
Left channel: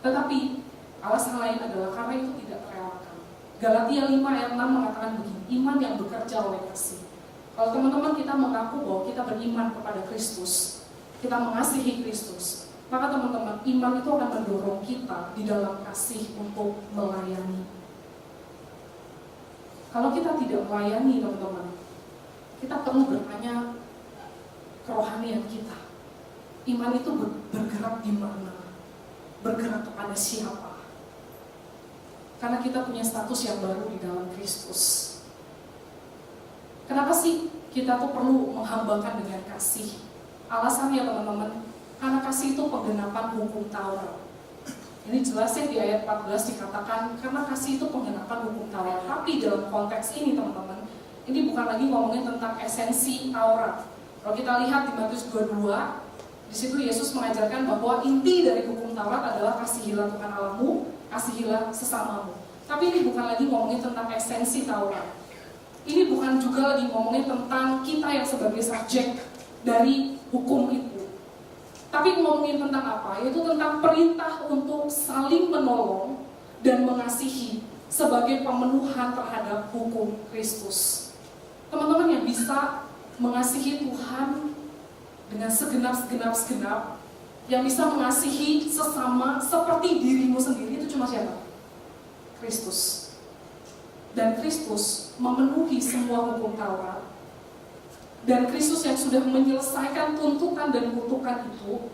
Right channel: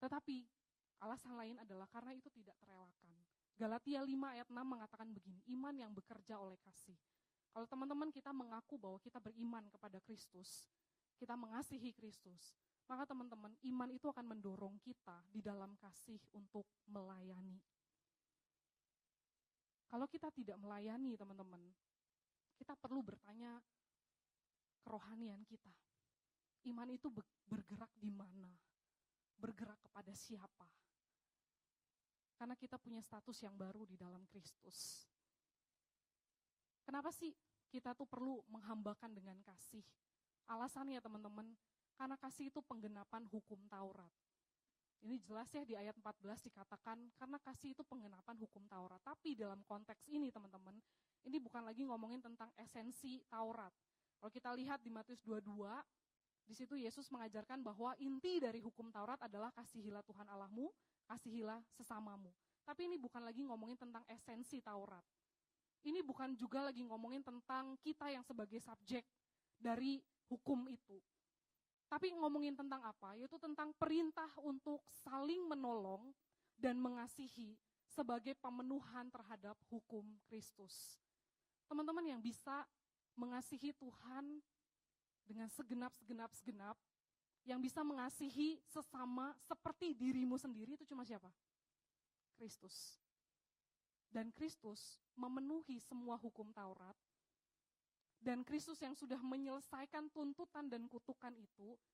Tetapi alasan lain adalah karena itu tidak terelakkan. Galatia 5 ayat 6 mengatakan begini, iman yang bekerja oleh kasih. Kalau teman-teman kita mengaku bahwa kita beriman kepada Kristus, kita mengasihi Kristus, maka teman-teman, iman itu akan mendorong kita di dalam kasih untuk melayani. Kalau kita tidak melayani teman-teman, kita perlu bertanya kerohanian kita. Iman itu bergerak di mana? Bergerak kepada siapa? Karena kita punya status yang baru di dalam Kristus. Kenapa sih kita tuh perlu menghambakan dengan kasih? Alasannya teman-teman, karena kasih itu penggenapan hukum Taurat. Ini jelas ya di ayat 14 dikatakan, karena kasih itu penggenapan hukum Taurat. Tapi dalam konteks ini teman-teman, ini bukan lagi ngomongin tentang esensi Taurat. Kalau kita lihat di Matius 22, di situ Yesus mengajarkan bahwa inti dari hukum Taurat adalah kasihilah Tuhan Allahmu, kasihilah sesamamu. Tapi ini bukan lagi ngomongin tentang esensi Taurat. Ini bukan juga lagi ngomongin tentang kita yang sebagai subjek dari hukum itu. Tapi ngomongin tentang apa? Yaitu tentang perintah untuk saling menolong dan mengasihi sebagai pemenuhan terhadap hukum Kristus. Teman-teman yang bisa mengasihi Tuhan dengan segenap, yang bisa mengasihi sesama seperti dirimu sendiri, itu cuma siapa? Kristus. Dan Kristus memenuhi semua hukum Taurat. Dan Kristus yang sudah menyelesaikan tuntutan dan kutukan itu,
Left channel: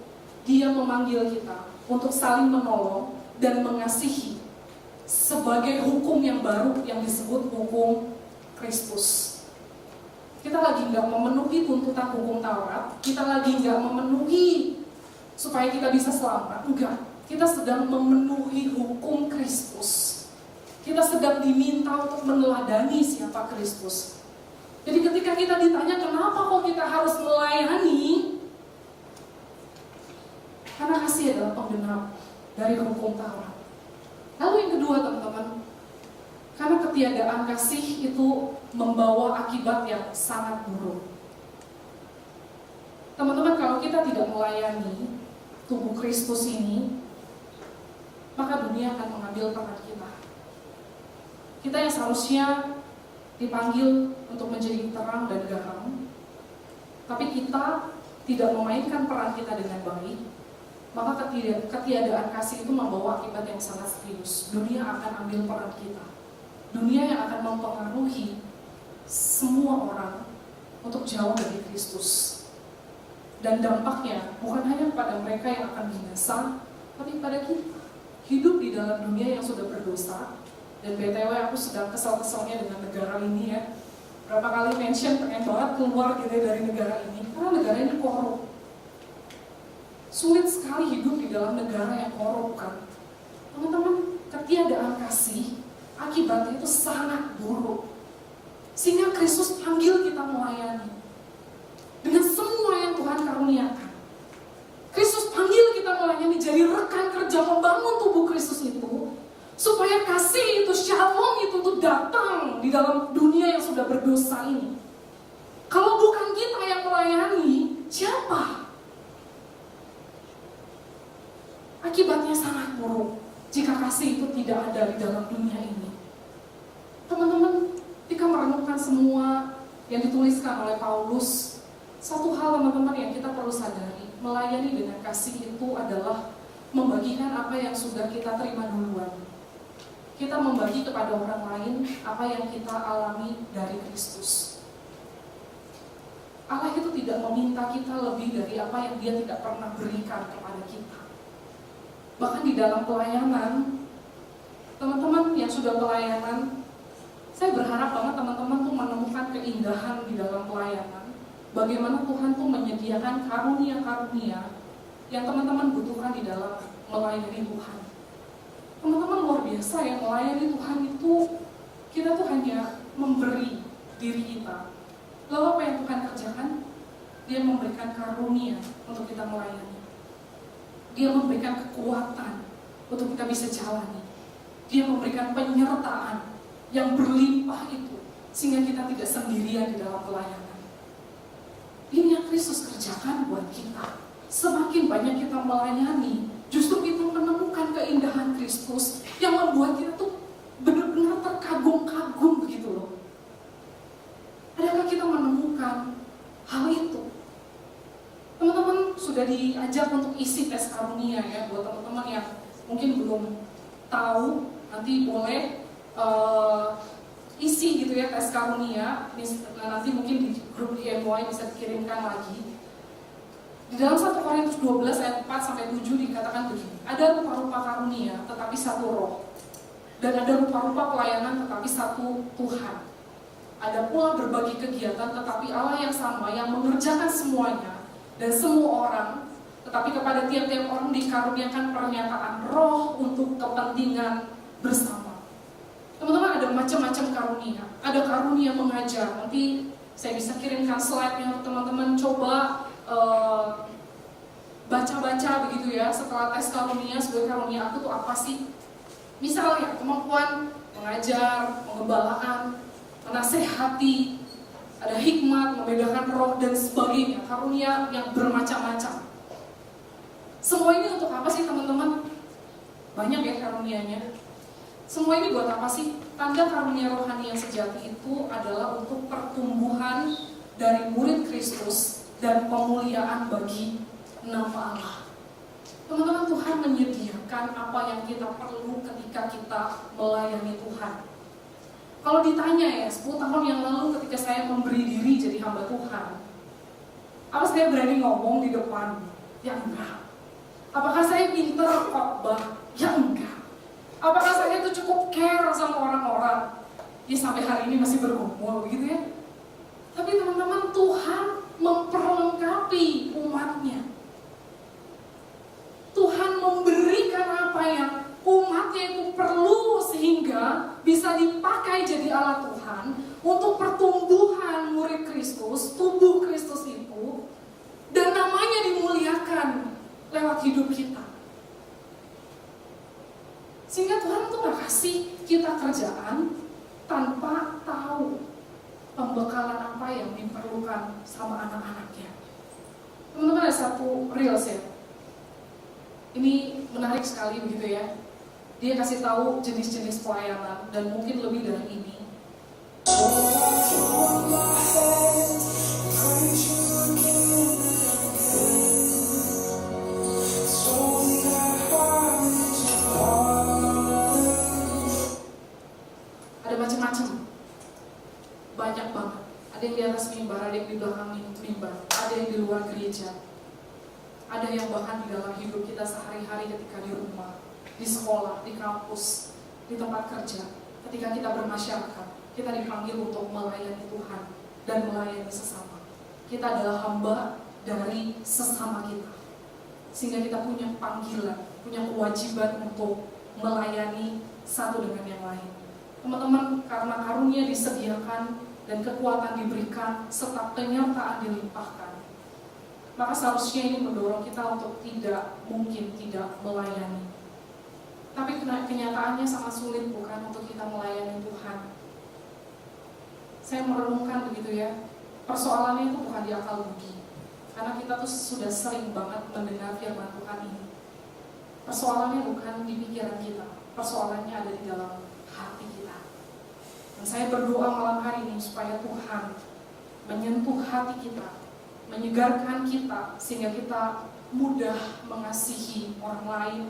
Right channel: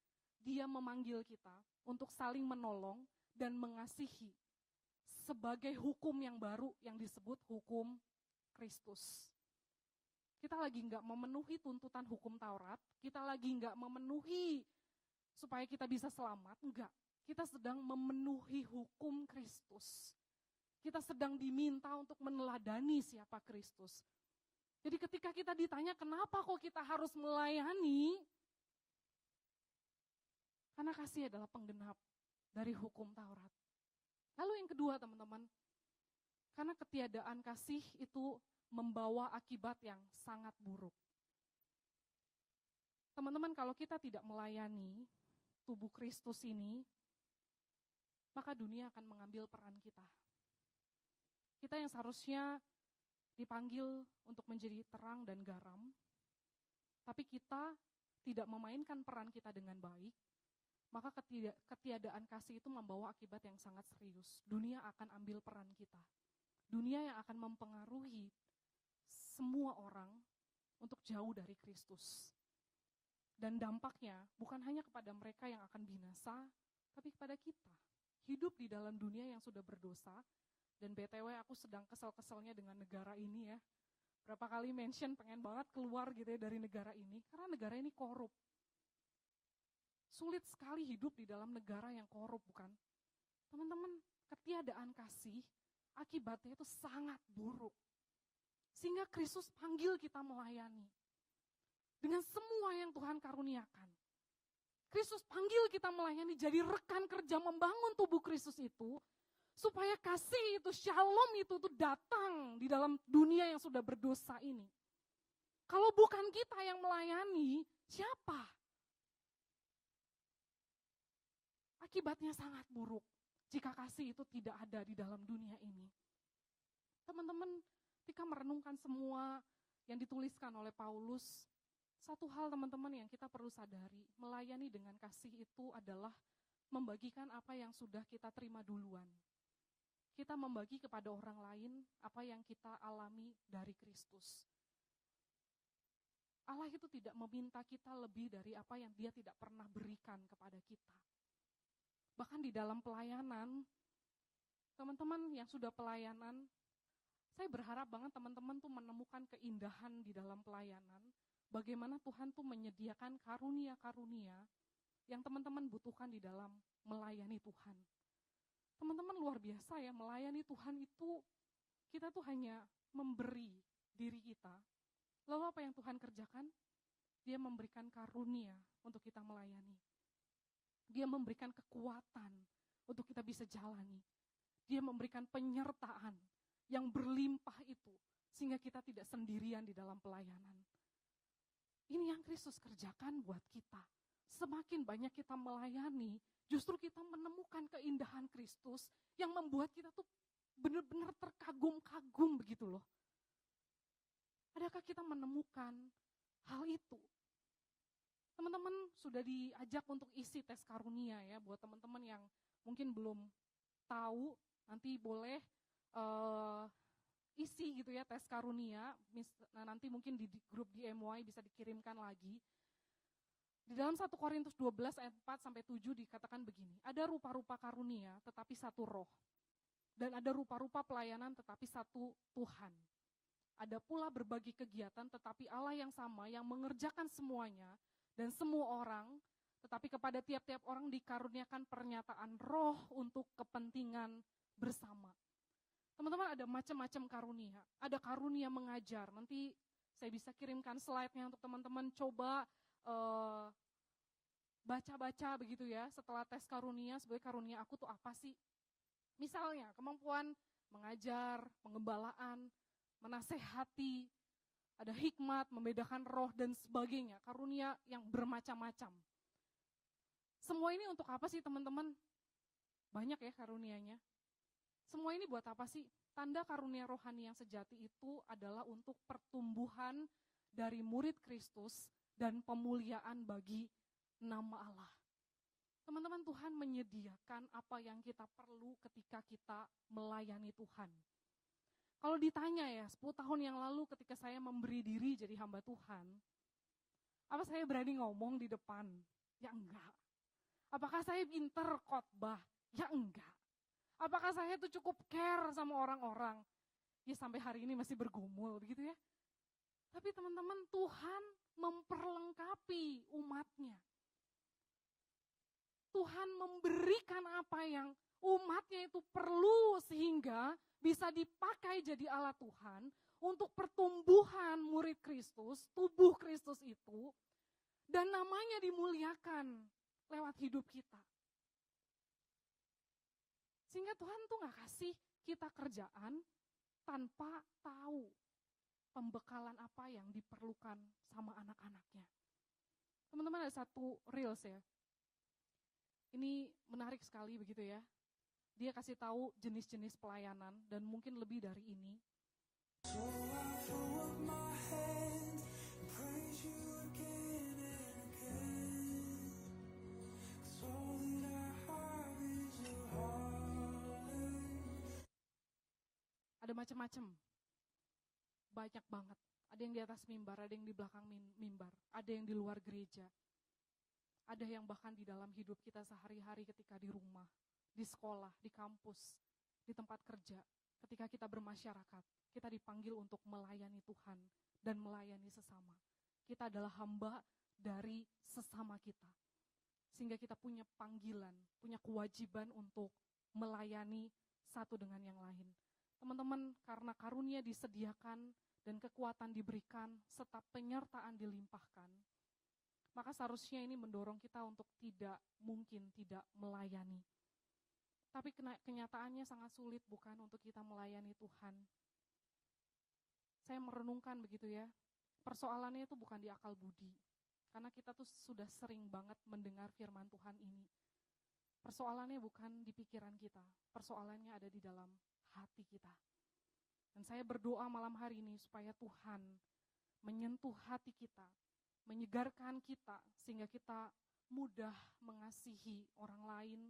Dia memanggil kita untuk saling menolong dan mengasihi sebagai hukum yang baru yang disebut hukum Kristus. Kita lagi nggak memenuhi tuntutan hukum Taurat, kita lagi nggak memenuhi supaya kita bisa selamat, enggak. Kita sedang memenuhi hukum Kristus. Kita sedang diminta untuk meneladani siapa Kristus. Jadi ketika kita ditanya kenapa kok kita harus melayani, karena kasih adalah penggenap dari hukum Taurat. Lalu yang kedua teman-teman, karena ketiadaan kasih itu membawa akibat yang sangat buruk. Teman-teman, kalau kita tidak melayani tubuh Kristus ini, maka dunia akan mengambil peran kita. Kita yang seharusnya dipanggil untuk menjadi terang dan garam, tapi kita tidak memainkan peran kita dengan baik, maka ketiadaan kasih itu membawa akibat yang sangat serius. Dunia akan ambil peran kita. Dunia yang akan mempengaruhi semua orang untuk jauh dari Kristus. Dan dampaknya bukan hanya kepada mereka yang akan binasa, tapi pada kita hidup di dalam dunia yang sudah berdosa. Dan BTW aku sedang kesal-kesalnya dengan negara ini ya. Berapa kali mention pengen banget keluar gitu dari negara ini, karena negara ini korup. Sulit sekali hidup di dalam negara yang korup kan. Teman-teman, ketiadaan kasih akibatnya itu sangat buruk. Sehingga Kristus panggil kita melayani dengan semua yang Tuhan karuniakan. Kristus panggil kita melayani jadi rekan kerja membangun tubuh Kristus itu, supaya kasih itu, shalom itu tuh datang di dalam dunia yang sudah berdosa ini. Kalau bukan kita yang melayani, siapa? Akibatnya sangat buruk jika kasih itu tidak ada di dalam dunia ini. Teman-teman, ketika merenungkan semua yang dituliskan oleh Paulus, satu hal teman-teman yang kita perlu sadari, melayani dengan kasih itu adalah membagikan apa yang sudah kita terima duluan. Kita membagi kepada orang lain apa yang kita alami dari Kristus. Allah itu tidak meminta kita lebih dari apa yang Dia tidak pernah berikan kepada kita. Bahkan di dalam pelayanan, teman-teman yang sudah pelayanan, saya berharap banget teman-teman tuh menemukan keindahan di dalam pelayanan. Bagaimana Tuhan tuh menyediakan karunia-karunia yang teman-teman butuhkan di dalam melayani Tuhan. Teman-teman luar biasa yang melayani Tuhan itu, kita tuh hanya memberi diri kita. Lalu apa yang Tuhan kerjakan? Dia memberikan karunia untuk kita melayani. Dia memberikan kekuatan untuk kita bisa jalani. Dia memberikan penyertaan yang berlimpah itu, sehingga kita tidak sendirian di dalam pelayanan. Ini yang Kristus kerjakan buat kita. Semakin banyak kita melayani, justru kita menemukan keindahan Kristus yang membuat kita tuh benar-benar terkagum-kagum begitu loh. Adakah kita menemukan hal itu? Teman-teman sudah diajak untuk isi tes karunia ya. Buat teman-teman yang mungkin belum tahu, nanti boleh isi gitu ya tes karunia. Nanti mungkin di grup IMY bisa dikirimkan lagi. Di dalam 1 Korintus 12 ayat 4-7 dikatakan begini, ada rupa-rupa karunia tetapi satu roh, Dan ada rupa-rupa pelayanan tetapi satu Tuhan. Ada pula berbagai kegiatan tetapi Allah yang sama yang mengerjakan semuanya dan semua orang, tetapi kepada tiap-tiap orang dikaruniakan pernyataan roh untuk kepentingan bersama. Teman-teman, ada macam-macam karunia. Ada karunia mengajar. Nanti saya bisa kirimkan slide-nya untuk teman-teman coba baca-baca begitu ya. Setelah tes karunia, sebagai karunia aku tuh apa sih? Misalnya kemampuan mengajar, mengembalakan, menasehati, ada hikmat, membedakan roh dan sebagainya. Karunia yang bermacam-macam. Semua ini untuk apa sih teman-teman? Banyak ya karunianya. Semua ini buat apa sih? Tanda karunia rohani yang sejati itu adalah untuk pertumbuhan dari murid Kristus dan pemuliaan bagi nama Allah. Teman-teman, Tuhan menyediakan apa yang kita perlu ketika kita melayani Tuhan. Kalau ditanya ya, 10 tahun yang lalu ketika saya memberi diri jadi hamba Tuhan, apa saya berani ngomong di depan? Ya enggak. Apakah saya pinter khotbah? Ya enggak. Apakah saya itu cukup care sama orang-orang? Ya sampai hari ini masih bergumul begitu ya. Tapi teman-teman, Tuhan memperlengkapi umatnya. Tuhan memberikan apa yang umatnya itu perlu sehingga bisa dipakai jadi alat Tuhan untuk pertumbuhan murid Kristus, tubuh Kristus itu, dan namanya dimuliakan lewat hidup kita. Sehingga Tuhan tuh gak kasih kita kerjaan tanpa tahu pembekalan apa yang diperlukan sama anak-anaknya. Teman-teman, ada satu reels ya. Ini menarik sekali begitu ya. Dia kasih tahu jenis-jenis pelayanan dan mungkin lebih dari ini. Ada macam-macam. Banyak banget. Ada yang di atas mimbar, ada yang di belakang mimbar, ada yang di luar gereja. Ada yang bahkan di dalam hidup kita sehari-hari ketika di rumah, di sekolah, di kampus, di tempat kerja. Ketika kita bermasyarakat, kita dipanggil untuk melayani Tuhan dan melayani sesama. Kita adalah hamba dari sesama kita. Sehingga kita punya panggilan, punya kewajiban untuk melayani satu dengan yang lain. Teman-teman, karena karunia disediakan dan kekuatan diberikan serta penyertaan dilimpahkan, maka seharusnya ini mendorong kita untuk tidak melayani. Tapi kenyataannya sangat sulit bukan untuk kita melayani Tuhan. Saya merenungkan begitu ya, persoalannya itu bukan di akal budi. Karena kita tuh sudah sering banget mendengar firman Tuhan ini. Persoalannya bukan di pikiran kita, persoalannya ada di dalam hati kita. Dan saya berdoa malam hari ini supaya Tuhan menyentuh hati kita, menyegarkan kita sehingga kita mudah mengasihi orang lain,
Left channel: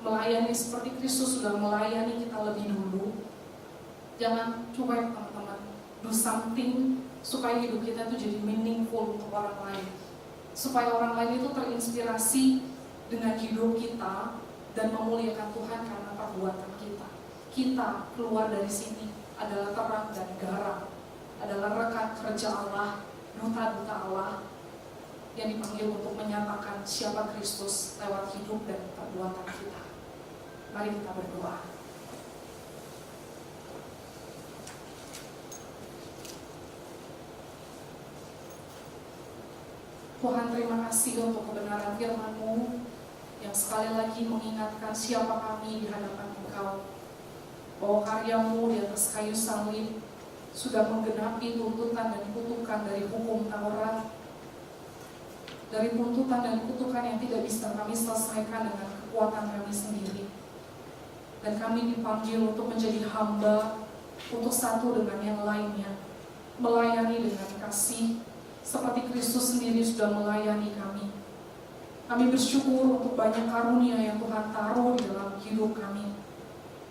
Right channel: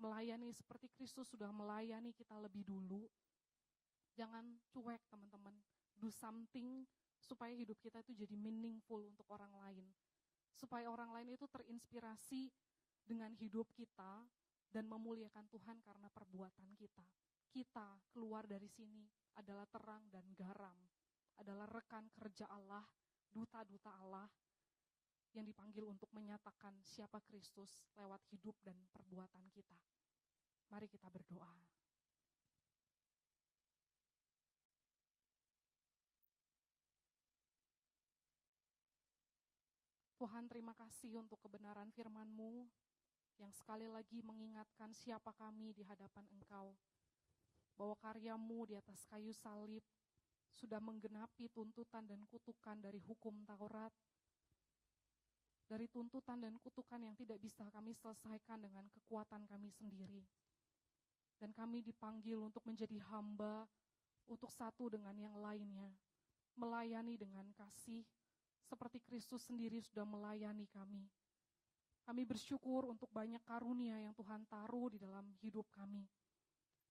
melayani seperti Kristus sudah melayani kita lebih dulu. Jangan cuek teman-teman, do something supaya hidup kita itu jadi meaningful untuk orang lain, supaya orang lain itu terinspirasi dengan hidup kita dan memuliakan Tuhan karena perbuatan kita. Kita keluar dari sini adalah terang dan garam, adalah rekan kerja Allah, duta-duta Allah yang dipanggil untuk menyatakan siapa Kristus lewat hidup dan perbuatan kita. Mari kita berdoa. Tuhan, terima kasih untuk kebenaran firman-Mu yang sekali lagi mengingatkan siapa kami di hadapan Engkau, bahwa karya-Mu di atas kayu salib sudah menggenapi tuntutan dan kutukan dari hukum Taurat, dari tuntutan dan kutukan yang tidak bisa kami selesaikan dengan kekuatan kami sendiri. Dan kami dipanggil untuk menjadi hamba untuk satu dengan yang lainnya, melayani dengan kasih seperti Kristus sendiri sudah melayani kami. Kami bersyukur untuk banyak karunia yang Tuhan taruh di dalam hidup kami.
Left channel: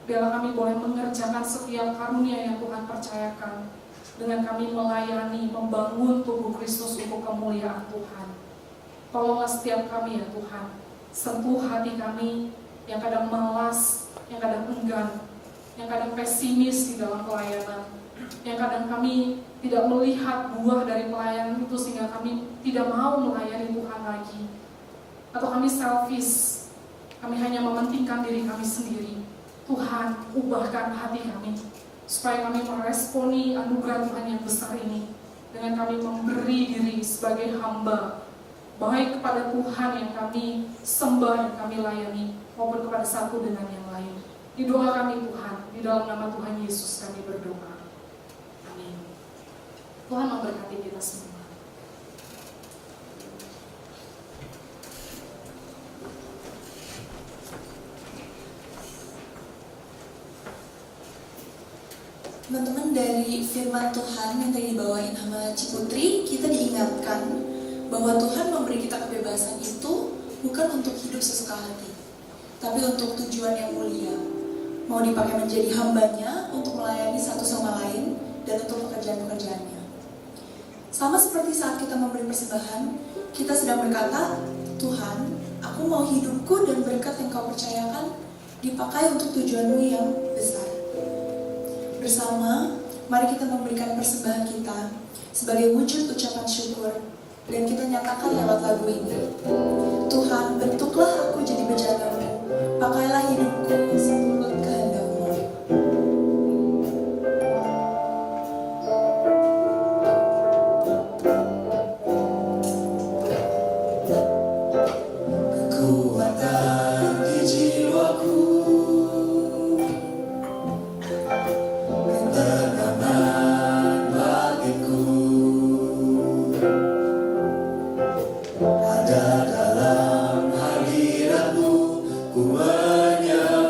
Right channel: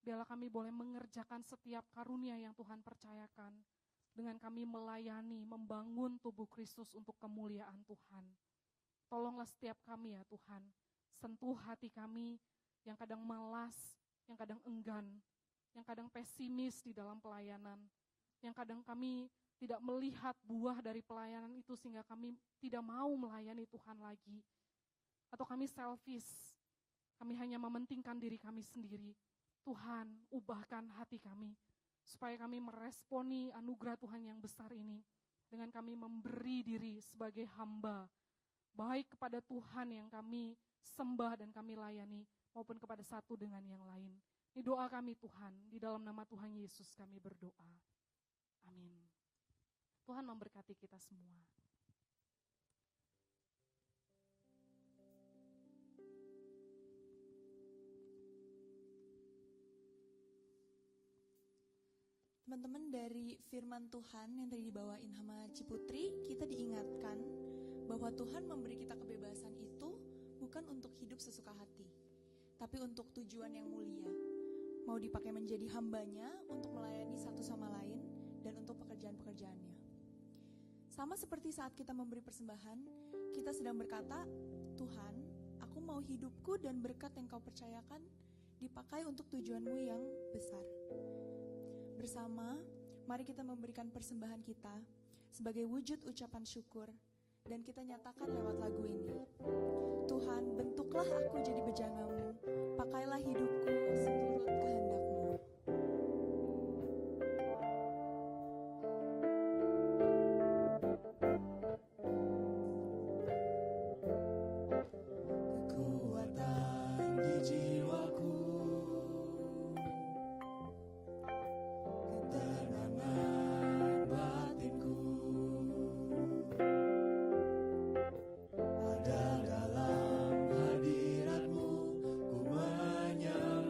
Biarlah kami boleh mengerjakan setiap karunia yang Tuhan percayakan dengan kami melayani, membangun tubuh Kristus untuk kemuliaan Tuhan. Tolonglah setiap kami ya Tuhan, sentuh hati kami yang kadang malas, yang kadang enggan, yang kadang pesimis di dalam pelayanan, yang kadang kami tidak melihat buah dari pelayanan itu sehingga kami tidak mau melayani Tuhan lagi. Atau kami selfish, kami hanya mementingkan diri kami sendiri. Tuhan, ubahkan hati kami, supaya kami meresponi anugerah Tuhan yang besar ini, dengan kami memberi diri sebagai hamba, baik kepada Tuhan yang kami sembah dan kami layani, maupun kepada satu dengan yang lain. Di doa kami Tuhan, di dalam nama Tuhan Yesus kami berdoa. Amin. Tuhan memberkati kita semua. Teman-teman, dari firman Tuhan yang tadi dibawain sama Ciputri, kita diingatkan bahwa Tuhan memberi kita kebebasan itu bukan untuk hidup sesuka hati, tapi untuk tujuan yang mulia. Mau dipakai menjadi hambanya untuk melayani satu sama lain dan untuk pekerjaan-pekerjaannya. Sama seperti saat kita memberi persembahan, kita sedang berkata, Tuhan, aku mau hidupku dan berkat yang kau percayakan dipakai untuk tujuanmu yang besar. Bersama, mari kita memberikan persembahan kita sebagai wujud ucapan syukur, dan kita nyatakan lewat lagu ini. Tuhan, bentuklah aku jadi bejana-Mu, pakailah hidupku seturut kehendak-Mu. Kekuatan di jiwaku, ketenangan bagiku, ada dalam hadirat-Mu, ku menyembah-Mu.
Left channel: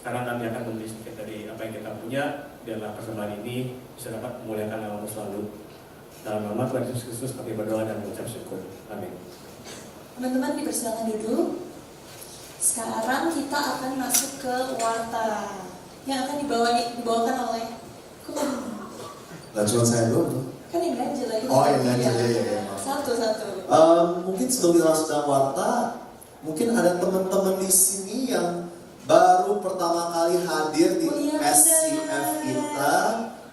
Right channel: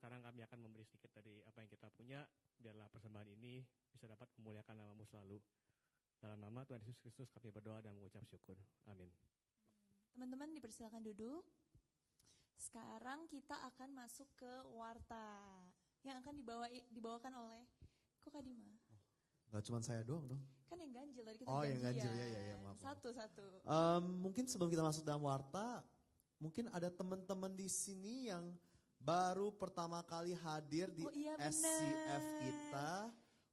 Sekarang kami akan memberi sedikit dari apa yang kita punya, biarlah persembahan ini bisa dapat memuliakan nama selalu. Dalam nama Tuhan Yesus Kristus kami berdoa dan mengucap syukur. Amin. Teman-teman dipersilakan duduk. Sekarang kita akan masuk ke warta yang akan dibawakan oleh Gak cuma saya doang. kan yang ganjil lagi. Oh, yang ganjil, ya. Satu-satu. Mungkin sebelum kita masuk dalam warta, mungkin ada teman-teman di sini yang baru pertama kali hadir di SCF kita.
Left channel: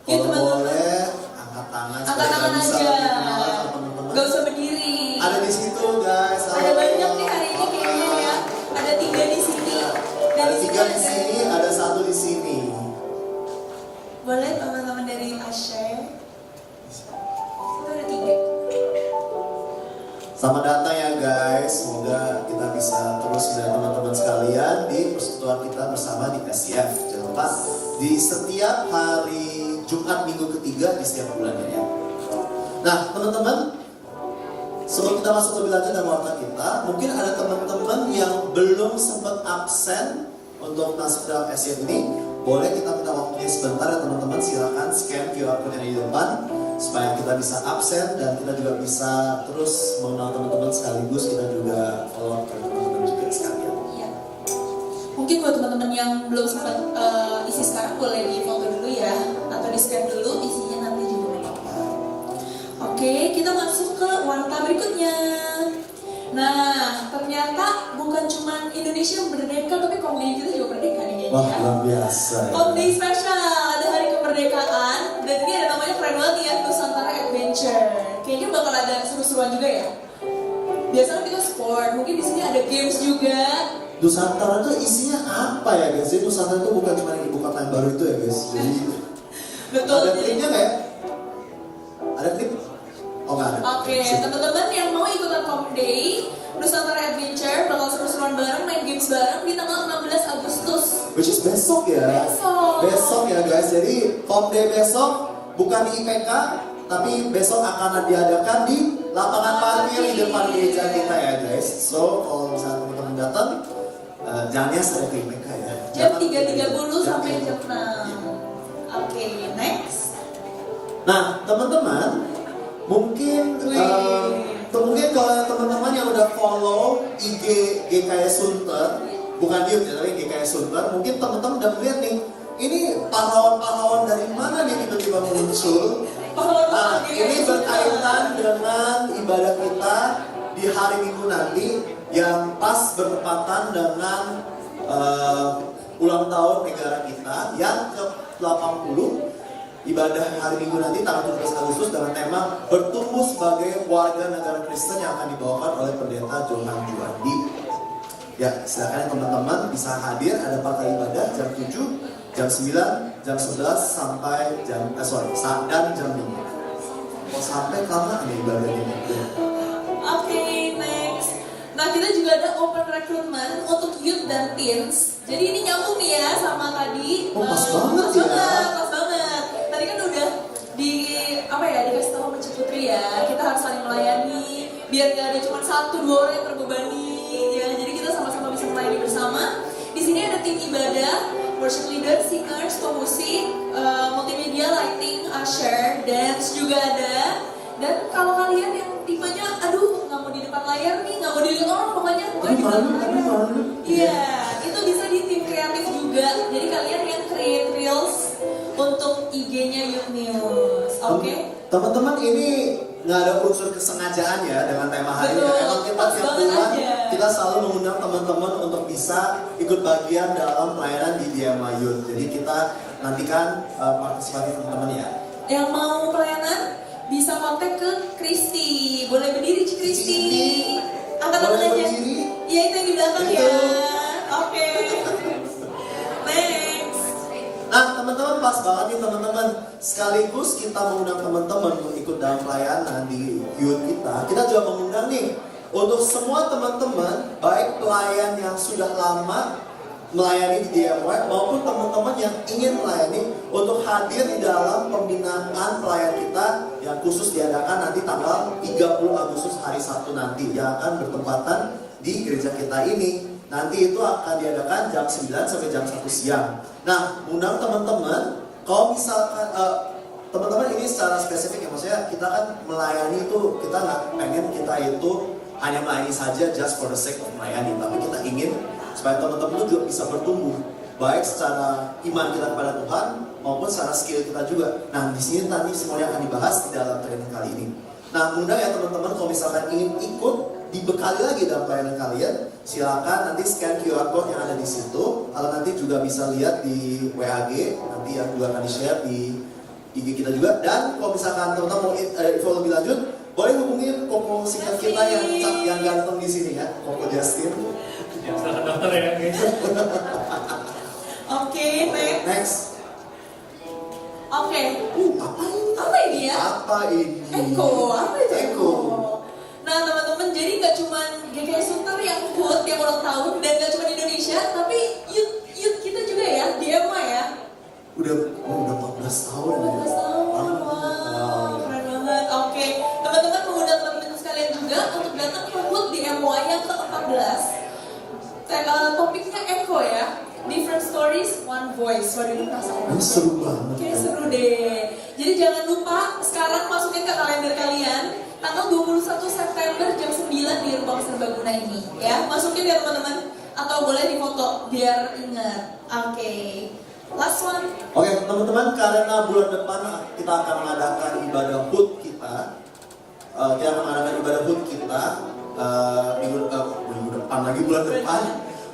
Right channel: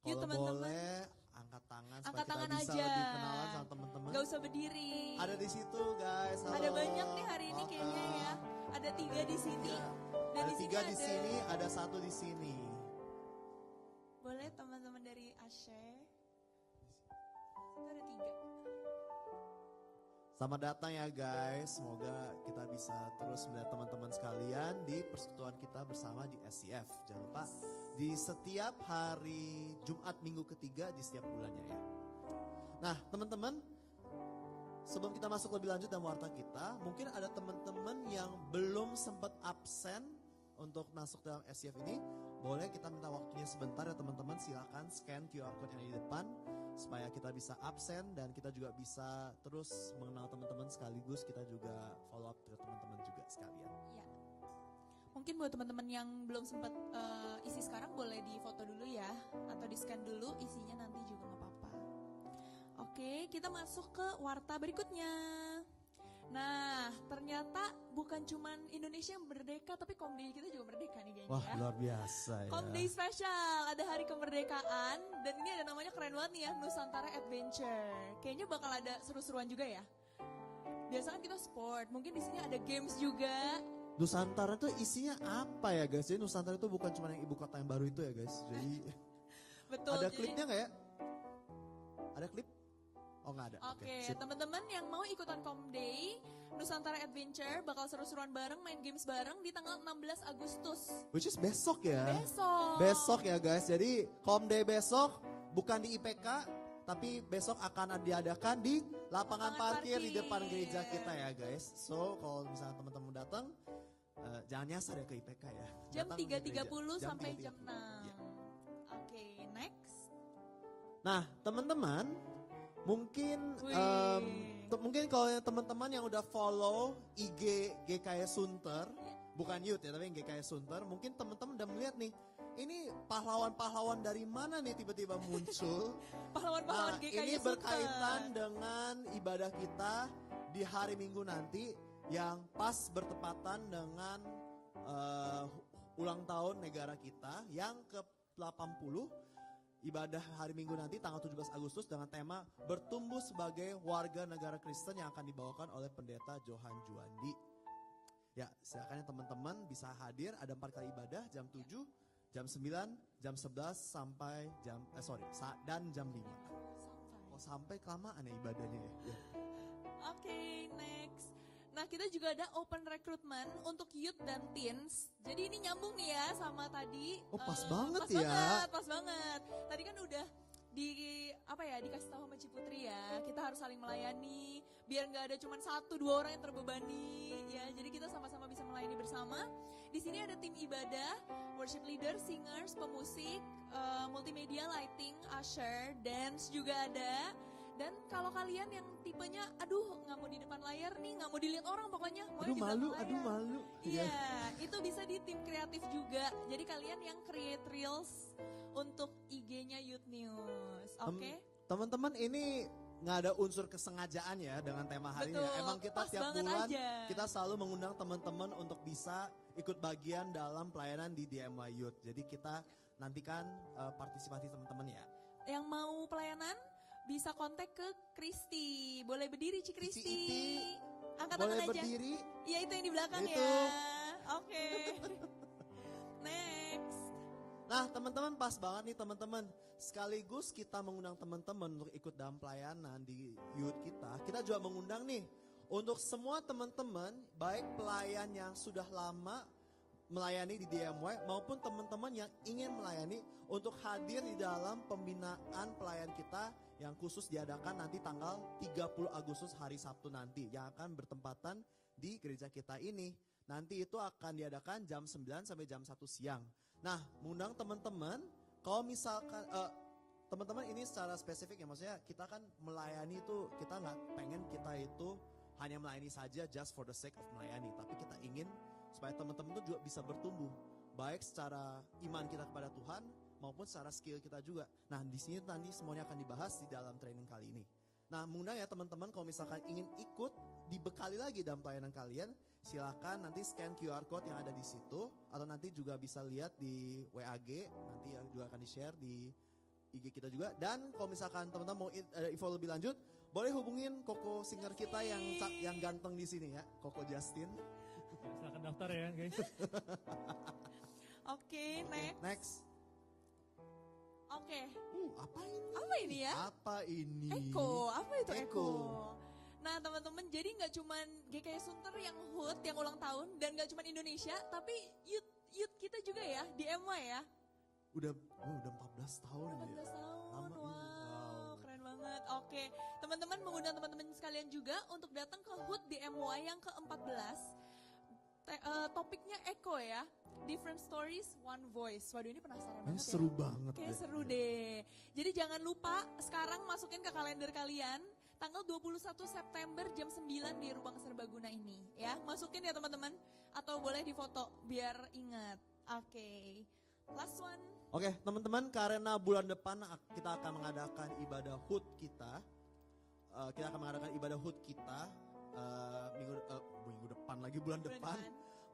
Ya, Kalau teman-teman. boleh angkat tangan Angkat supaya tangan bisa aja. lebih kenal sama teman-teman. Gak usah berdiri. Ada di situ guys. Ada banyak nih hari ini kayaknya ya. Ada 3 di sini. Dan Ada di 3 di sini, ada 1 di sini. Boleh teman-teman dari Asher. Itu ada 3. Selamat datang ya guys. Semoga kita bisa terus melihat teman-teman sekalian di persekutuan kita bersama di SCF. Jangan lupa di setiap hari Jumat minggu ketiga di setiap bulannya ya. Nah teman-teman, sebelum kita masuk lebih lanjut dalam warta kita, mungkin ada teman-teman yang belum sempat absen untuk masuk dalam SCF ini. Boleh kita minta waktunya sebentar ya teman-teman, silakan scan QR code yang di depan supaya kita bisa absen dan kita juga bisa terus mengenal teman-teman, sekaligus kita juga follow up ke teman-teman juga sekalian. Iya. Mungkin buat teman-teman yang belum sempat isi sekarang boleh di foto dulu ya, atau di scan dulu, isinya nanti juga nggak apa-apa. Oke, kita masuk ke warta berikutnya. Nah, ternyata bukan cuma Indonesia merdeka, tapi Komdei kita juga merdeka nih kayaknya. Wah luar biasa ya. Komdei spesial, ada hari kemerdekaan, dan ini ada namanya keren banget ya, Nusantara Adventure. Kayaknya bakal ada seru-seruan juga ya. Biasanya kita sport, mungkin di sini ada games juga. Nusantara itu isinya apa ya guys? Jadi Nusantara itu bukan cuma ibu kota yang baru itu ya guys. Jadi Betul. ada jadi- klipnya nggak ya? Ada klip? Oh nggak ada. Oke, teman-teman yang mau ikutan Komdei Nusantara Adventure bakal seru-seruan bareng, main games bareng di tanggal 16 Agustus. Which is besok ya. Besok ya guys. Jadi Komdei besok bukan di IPK, tapi besok akan diadakan di lapangan parkir di depan gereja kita ya guys. So kalau misalnya teman-teman datang, jangan ya saya ke IPK ya. Jam Jangan 3.30 sampai jam jam 6. Oke, next. Nah, teman-teman, mungkin mungkin kalau teman-teman yang udah follow IG GKS Sunter, bukan dia tapi GKS Sunter, mungkin teman-teman udah melihat nih, ini pahlawan-pahlawan dari mana nih tiba-tiba muncul. Nah, ini berkaitan dengan ibadah kita di hari Minggu nanti yang pas bertepatan dengan ulang tahun negara kita yang ke-80. Ibadah hari Minggu nanti tanggal 17 Agustus dengan tema bertumbuh sebagai warga negara Kristen yang akan dibawakan oleh pendeta Johan Juandi. Ya, silakan teman-teman bisa hadir, ada 4 kali ibadah jam 7, jam 9, jam 11 sampai jam dan jam 5. Sampai kapan nih ibadahnya? Oke, next. Nah, kita juga ada open recruitment untuk youth dan teens. Jadi ini nyambung nih ya sama tadi. Oh, pas banget ya. Pas banget. Tadi kan udah dikasih tahu sama Cik Putri ya. Kita harus saling melayani, biar gak ada cuma 1-2 orang yang terbebani. Ya, jadi kita sama-sama bisa melayani bersama. Di sini ada tim ibadah, worship leader, singers, pemusik, multimedia, lighting, usher, dance juga ada. Dan kalau kalian yang tipenya, aduh nggak mau di depan layar nih, nggak mau dilihat orang, pokoknya di belakang layar. Iya, itu bisa di tim kreatif juga. Jadi kalian yang create reels untuk IG-nya Youth News, oke? Teman-teman, ini nggak ada unsur kesengajaan ya dengan tema hari ini. Betul, Emang kita pas tiap banget bulan aja. kita selalu mengundang teman-teman untuk bisa ikut bagian dalam pelayanan di DMA Youth. Jadi kita nantikan partisipasi teman-teman ya. Yang mau pelayanan bisa kontak ke Kristi. Boleh berdiri Cik Kristi. Angkat tangan Boleh aja. berdiri? Iya, itu yang di belakang Itu. ya. Oke. Next. Nah teman-teman, pas banget nih teman-teman. Sekaligus kita mengundang teman-teman untuk ikut dalam pelayanan di youth kita. Kita juga mengundang nih untuk semua teman-teman, baik pelayan yang sudah lama melayani di DMY maupun teman-teman yang ingin melayani, untuk hadir di dalam pembinaan pelayan kita yang khusus diadakan nanti tanggal 30 Agustus hari Sabtu nanti, yang akan bertempatan di gereja kita ini. nanti itu akan diadakan jam 9 sampai jam 1 siang. Nah, undang teman-teman, kalau misalkan teman-teman ini secara spesifik ya, maksudnya kita kan melayani itu, kita nggak pengen kita itu hanya melayani saja just for the sake of melayani, tapi kita ingin supaya teman-teman itu juga bisa bertumbuh, baik secara iman kita kepada Tuhan maupun secara skill kita juga. Nah, di sini nanti semuanya akan dibahas di dalam training kali ini. Nah, undang ya teman-teman, kalau misalkan ingin ikut dibekali lagi dalam pelayanan kalian, silakan nanti scan QR code yang ada di situ, atau nanti juga bisa lihat di WAG, nanti yang juga akan di-share di IG kita juga. Dan kalau misalkan teman-teman mau info lebih lanjut, boleh hubungin Koko singkat kita yang ganteng di sini ya, Koko Justin. Ya, silahkan daftar ya guys. Oke, Next. Oke. Apa ini? Apa ini ya? Apa ini? Eko, apa itu? Eko. Nah teman-teman, jadi nggak cuma GKI Sunter yang ikut tiap ulang tahun, dan nggak cuma di Indonesia, tapi youth kita juga ya, di EMA ya. Udah 14 tahun. 14 tahun, wow, keren banget. Oke, teman-teman mengundang teman-teman sekalian juga untuk datang ke HUT di MOA yang ke-14. Topiknya Eko ya, Different Stories, One Voice. Waduh, ini penasaran. Seru banget. Oke, seru deh. Jadi jangan lupa sekarang masukin ke kalender kalian tanggal 21 September jam 9 di Ruang Serbaguna ini ya. Masukin ya teman-teman, atau boleh difoto biar ingat. Oke. Last one. Oke, teman-teman, karena bulan depan kita akan mengadakan ibadah HUT kita. Kita akan mengadakan ibadah HUT kita minggu depan lagi, bulan depan.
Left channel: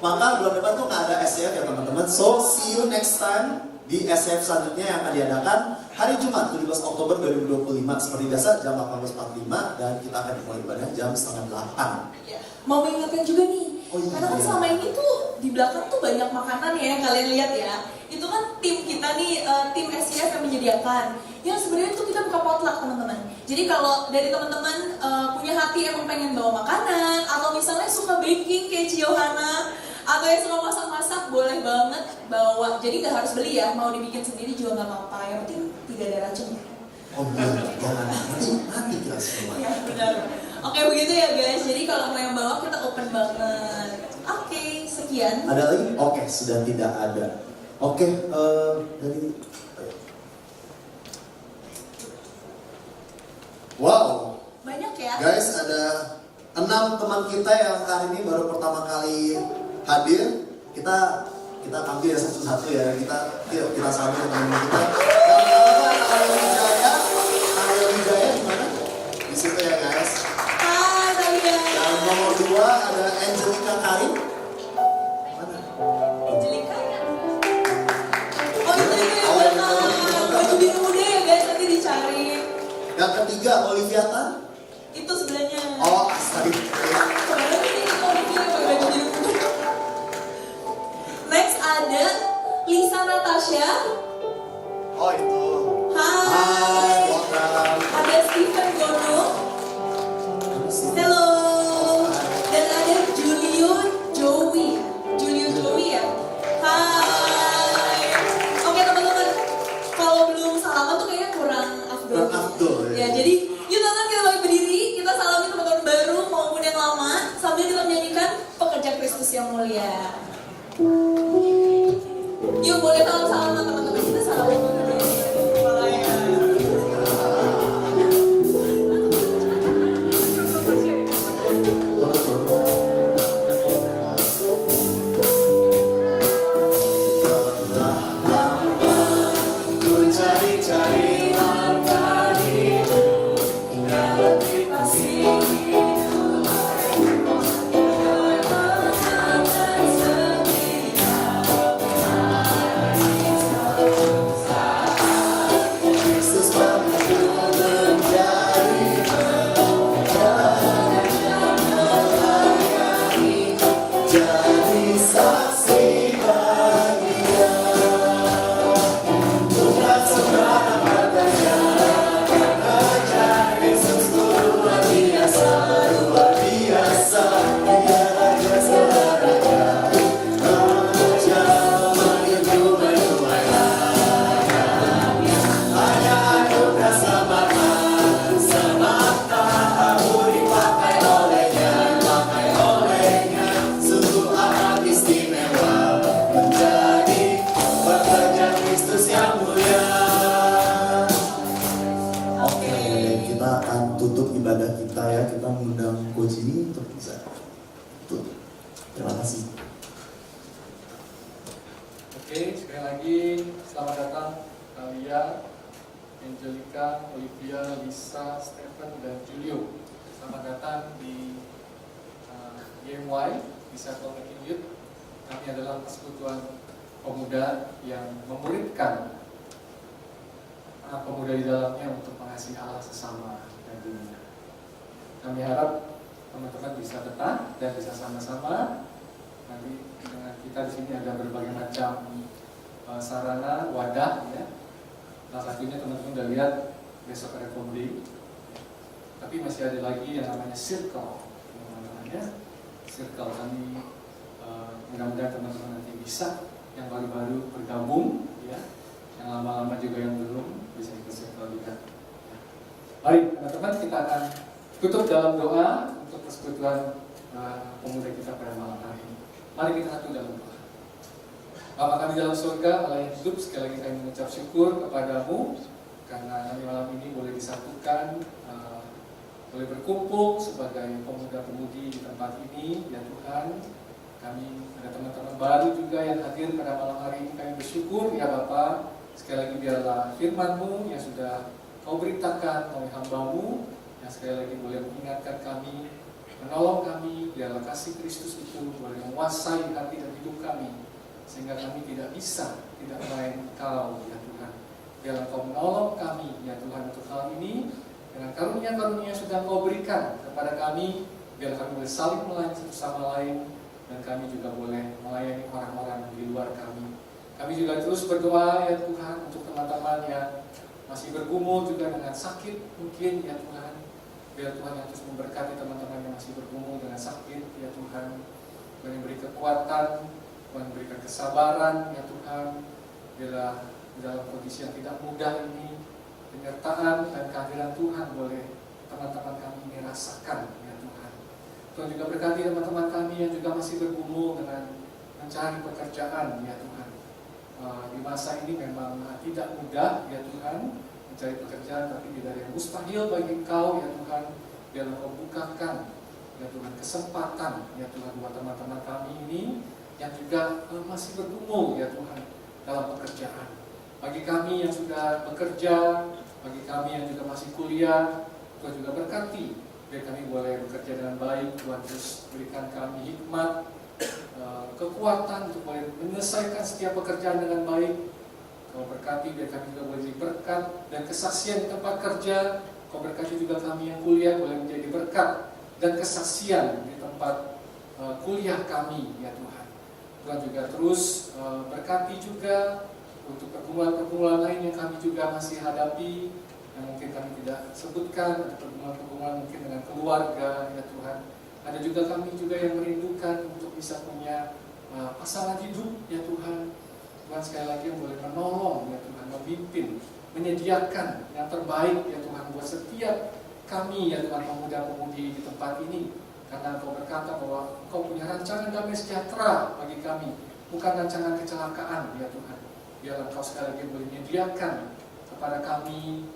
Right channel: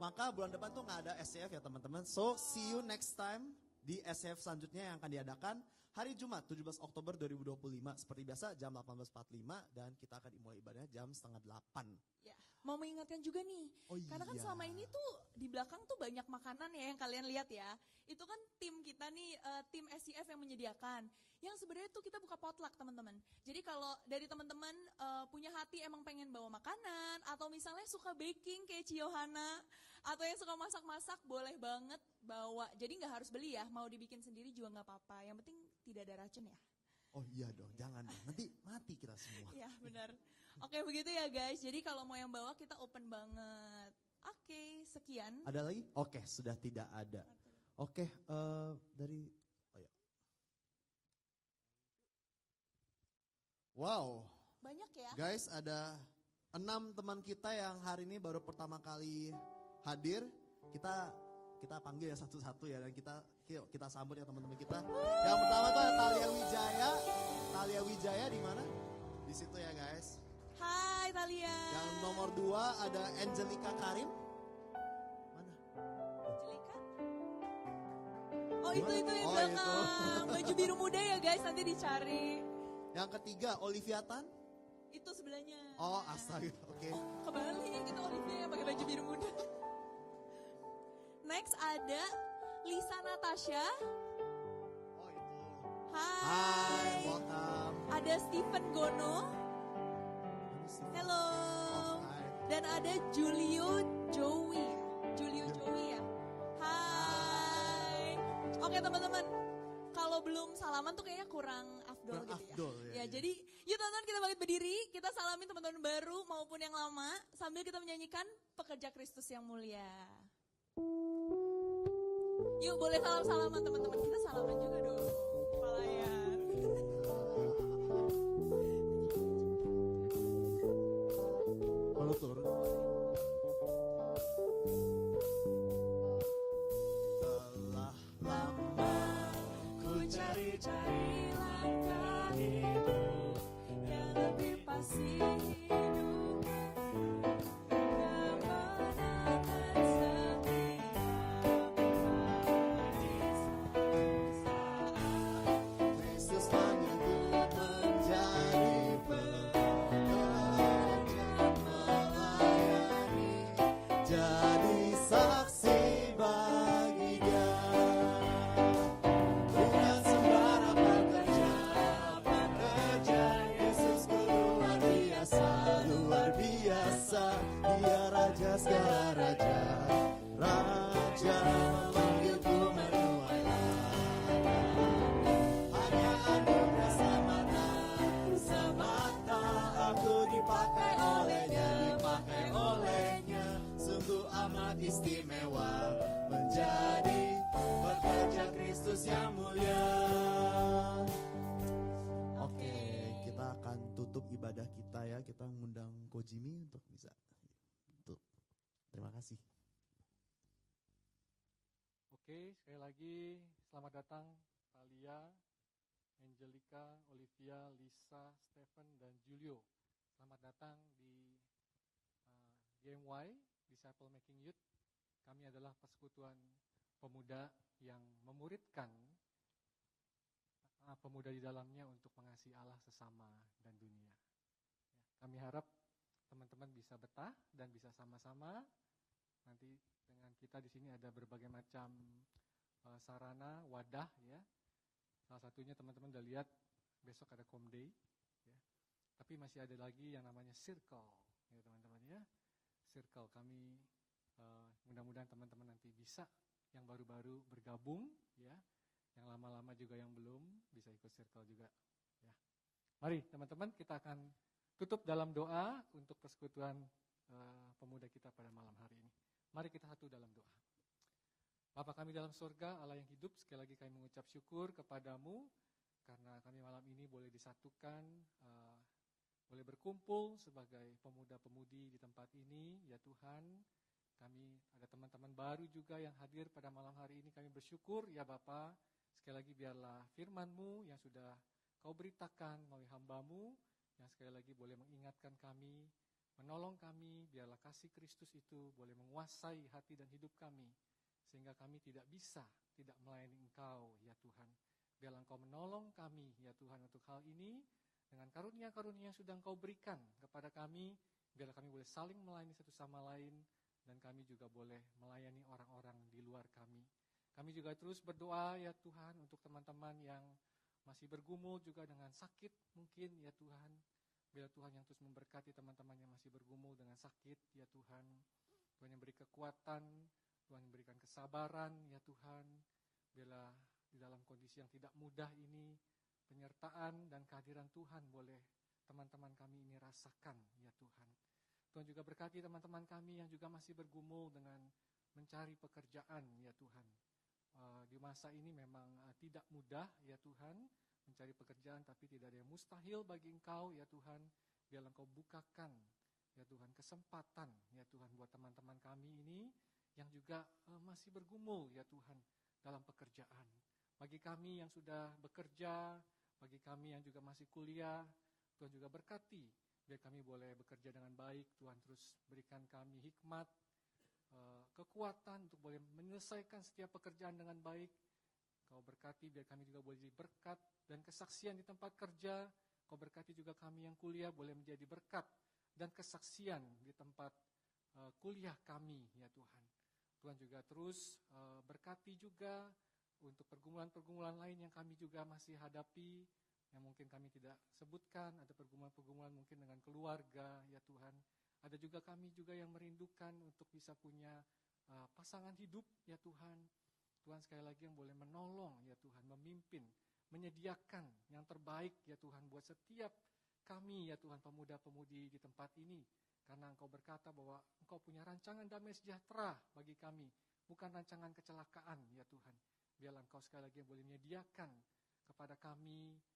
Maka bulan depan tuh nggak ada SCF ya teman-teman. So, see you next time di SCF selanjutnya yang akan diadakan hari Jumat 17 Oktober 2025 seperti biasa jam 18.45, dan kita akan dimulai ibadah jam 7:30. Ya. Mau mengingatkan juga nih, karena kan selama ini tuh di belakang tuh banyak makanan ya, kalian lihat ya. Itu kan tim kita nih, tim SCF yang menyediakan. Yang sebenarnya tuh kita buka potluck teman-teman. Jadi kalau dari teman-teman punya hati emang pengen bawa makanan, atau misalnya suka baking kayak Ciohana, atau yang suka masak-masak, boleh banget bawa. Jadi nggak harus beli ya, mau dibikin sendiri juga nggak apa-apa. Yang penting tidak ada racunnya. Oh benar, jangan nanti kita semua. Ya benar. Oke, begitu ya guys. Jadi kalau mau yang bawa kita open banget. Oke, sekian. Ada lagi? Oke, sudah tidak ada. Oke, dari wow, Banyak ya. guys, ada 6 teman kita yang hari ini baru pertama kali hadir. Kita panggil ya satu-satu ya. Kita sambut teman-teman kita. Yang pertama Arya Wijaya di mana? Di situ ya guys. Hai Talia. Yang nomor 2 ada Angelica Karim. Mana? Angelika. Oh itu baju biru muda ya guys, nanti dicari. Yang ketiga Olivia Tan. Itu sebelahnya. Oh, astaga. Sebenarnya ini kita Olivia pakai baju biru muda. Next ada Lisa Natasha. Oh itu. Hai, Hai. welcome. Ada Stephen Gono. Hello. Dan ada Julio Joey ya. Hai. Oke teman-teman, kalau belum salaman tuh kayaknya kurang afdol. Kurang afdol, ya. Ya, jadi yuk teman-teman kita balik berdiri, kita salamin teman-teman baru maupun yang lama sambil kita menyanyikan Pekerja Kristus yang Mulia. Yuk boleh salam-salaman teman-teman, kita salaman dulu. Boleh. Sungguh lagi, selamat datang Alia, Angelica, Olivia, Lisa, Stephen, dan Julio. Selamat datang di YMY, di Circle Making Youth. Kami adalah persekutuan pemuda yang memuridkan anak pemuda di dalamnya untuk mengasihi Allah sesama dan dunia. Kami harap teman-teman bisa betah dan bisa sama-sama. Nanti dengan kita di sini ada berbagai macam sarana, wadah, ya. Salah satunya teman-teman udah lihat besok ada komedi. Tapi masih ada lagi yang namanya circle. Yang namanya circle. Kami mudah-mudahan teman-teman nanti bisa yang baru-baru bergabung, ya. Yang lama-lama juga yang belum bisa ikut circle juga. Mari teman-teman, kita akan tutup dalam doa untuk persekutuan pemuda kita pada malam hari ini. Mari kita satu dalam doa. Bapa kami dalam surga, Allah yang hidup, sekali lagi kami mengucap syukur kepadamu karena kami malam ini boleh disatukan, boleh berkumpul sebagai pemuda-pemudi di tempat ini, ya Tuhan. Kami ada teman-teman baru juga yang hadir pada malam hari ini. Kami bersyukur, ya Bapa. Sekali lagi biarlah firman-Mu yang sudah Kau beritakan oleh hamba-Mu, yang sekali lagi boleh mengingatkan kami, menolong kami, biarlah kasih Kristus itu boleh menguasai hati dan hidup kami, sehingga kami tidak bisa tidak melayani Engkau, ya Tuhan. Biarlah Kau menolong kami, ya Tuhan, untuk hal ini, dengan karunia-karunia yang sudah Kau berikan kepada kami, biarlah kami boleh saling melayani satu sama lain, dan kami juga boleh melayani orang-orang di luar kami. Kami juga terus berdoa, ya Tuhan, untuk teman-teman yang masih bergumul juga dengan sakit mungkin, ya Tuhan. Biar Tuhan yang terus memberkati teman-teman yang masih bergumul dengan sakit, ya Tuhan. Tuhan yang beri kekuatan, Tuhan berikan kesabaran, ya Tuhan. Bila dalam kondisi yang tidak mudah ini, penyertaan dan kehadiran Tuhan boleh teman-teman kami ini rasakan, ya Tuhan. Tuhan juga berkati teman-teman kami yang juga masih bergumul dengan mencari pekerjaan, ya Tuhan. Di masa ini memang tidak mudah, ya Tuhan, mencari pekerjaan, tapi tidak ada yang mustahil bagi Engkau, ya Tuhan. Biarlah Kau bukakan, ya Tuhan, kesempatan, ya Tuhan, buat teman-teman kami ini yang juga masih bergumul, ya Tuhan, dalam pekerjaan. Bagi kami yang sudah bekerja, bagi kami yang juga masih kuliah, Tuhan juga berkati, biar kami boleh bekerja dengan baik. Tuhan terus berikan kami hikmat, kekuatan untuk boleh menyelesaikan setiap pekerjaan dengan baik. Kau berkati biar kami juga boleh jadi berkat dan kesaksian di tempat kerja. Kau berkati juga kami yang kuliah boleh menjadi berkat dan kesaksian di tempat kuliah kami, ya Tuhan. Tuhan juga terus berkati juga untuk pergumulan-pergumulan lain yang kami juga masih hadapi, yang mungkin kami tidak sebutkan, ada pergumulan-pergumulan mungkin dengan keluarga, ya Tuhan. Ada juga kami juga yang merindukan untuk bisa punya pasangan hidup, ya Tuhan. Tuhan sekali lagi yang boleh menolong, ya Tuhan, memimpin, menyediakan yang terbaik, ya Tuhan, buat setiap kami, ya Tuhan, pemuda-pemudi di tempat ini. Karena Engkau berkata bahwa Engkau punya rancangan damai sejahtera bagi kami, bukan rancangan kecelakaan, ya Tuhan. Biarlah Engkau sekali lagi boleh menyediakan kepada kami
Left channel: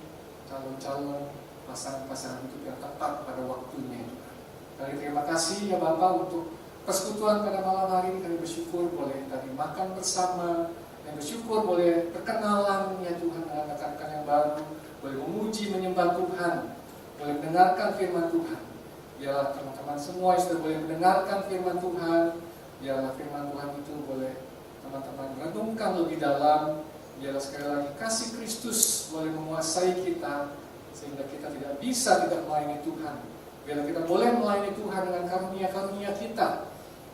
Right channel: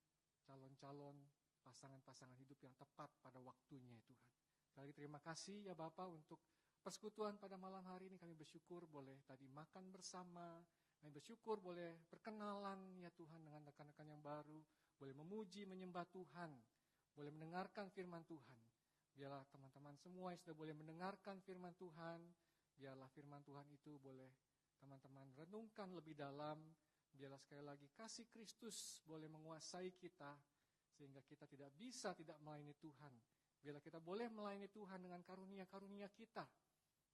calon-calon pasangan-pasangan hidup yang tepat pada waktunya, ya Tuhan. Kami terima kasih, ya Bapak, untuk persekutuan pada malam hari ini. Kami bersyukur boleh tadi makan bersama, kami bersyukur boleh perkenalan, ya Tuhan, dengan rekan-rekan yang baru, boleh memuji, menyembah Tuhan, boleh mendengarkan firman Tuhan. Biarlah teman-teman semua yang sudah boleh mendengarkan firman Tuhan, biarlah firman Tuhan itu boleh teman-teman renungkan lebih dalam. Biarlah sekali lagi kasih Kristus boleh menguasai kita, sehingga kita tidak bisa tidak melayani Tuhan. Biarlah kita boleh melayani Tuhan dengan karunia-karunia kita,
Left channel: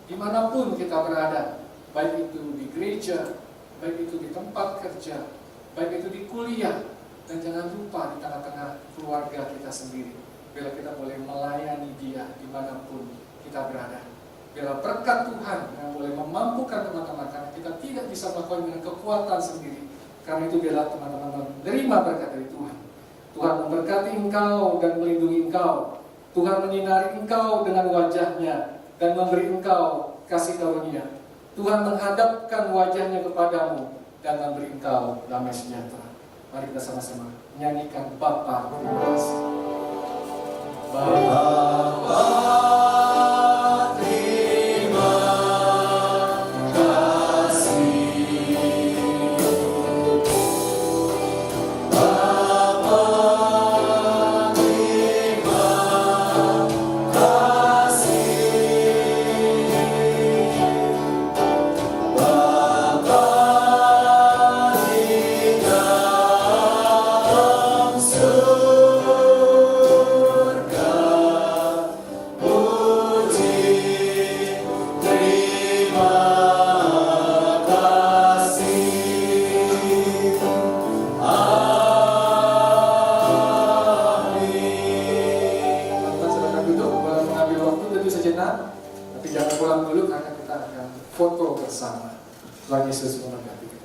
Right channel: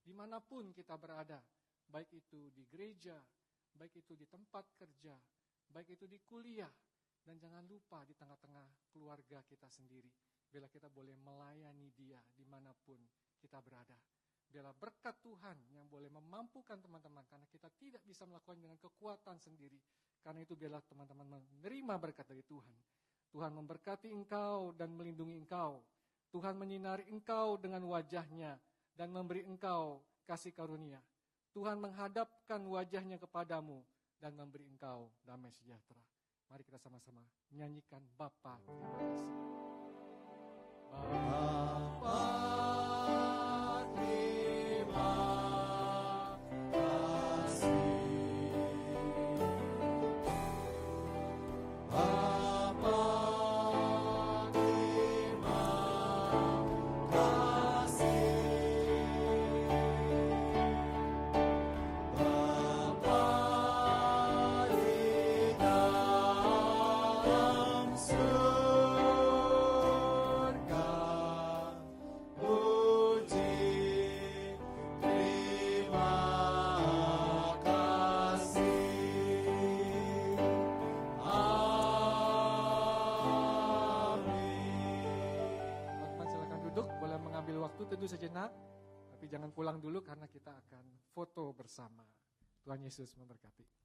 dimanapun kita berada, baik itu di gereja, baik itu di tempat kerja, baik itu di kuliah, dan jangan lupa di tengah-tengah keluarga kita sendiri. Biarlah kita boleh melayani Dia dimanapun kita berada. Biarlah berkat Tuhan yang boleh memampukan teman-teman, karena kita tidak bisa melakukan dengan kekuatan sendiri. Karena itu biarlah teman-teman menerima berkat dari Tuhan. Tuhan memberkati engkau dan melindungi engkau. Tuhan menyinari engkau dengan wajah-Nya dan memberi engkau kasih karunia. Tuhan menghadapkan wajah-Nya kepadamu dan memberi engkau damai sejahtera. Mari kita sama-sama nyanyikan Bapa terima kasih. Bapa terima kasih. kita, tapi jangan pulang dulu karena kita akan foto bersama. Tuhan Yesus memberkati kita.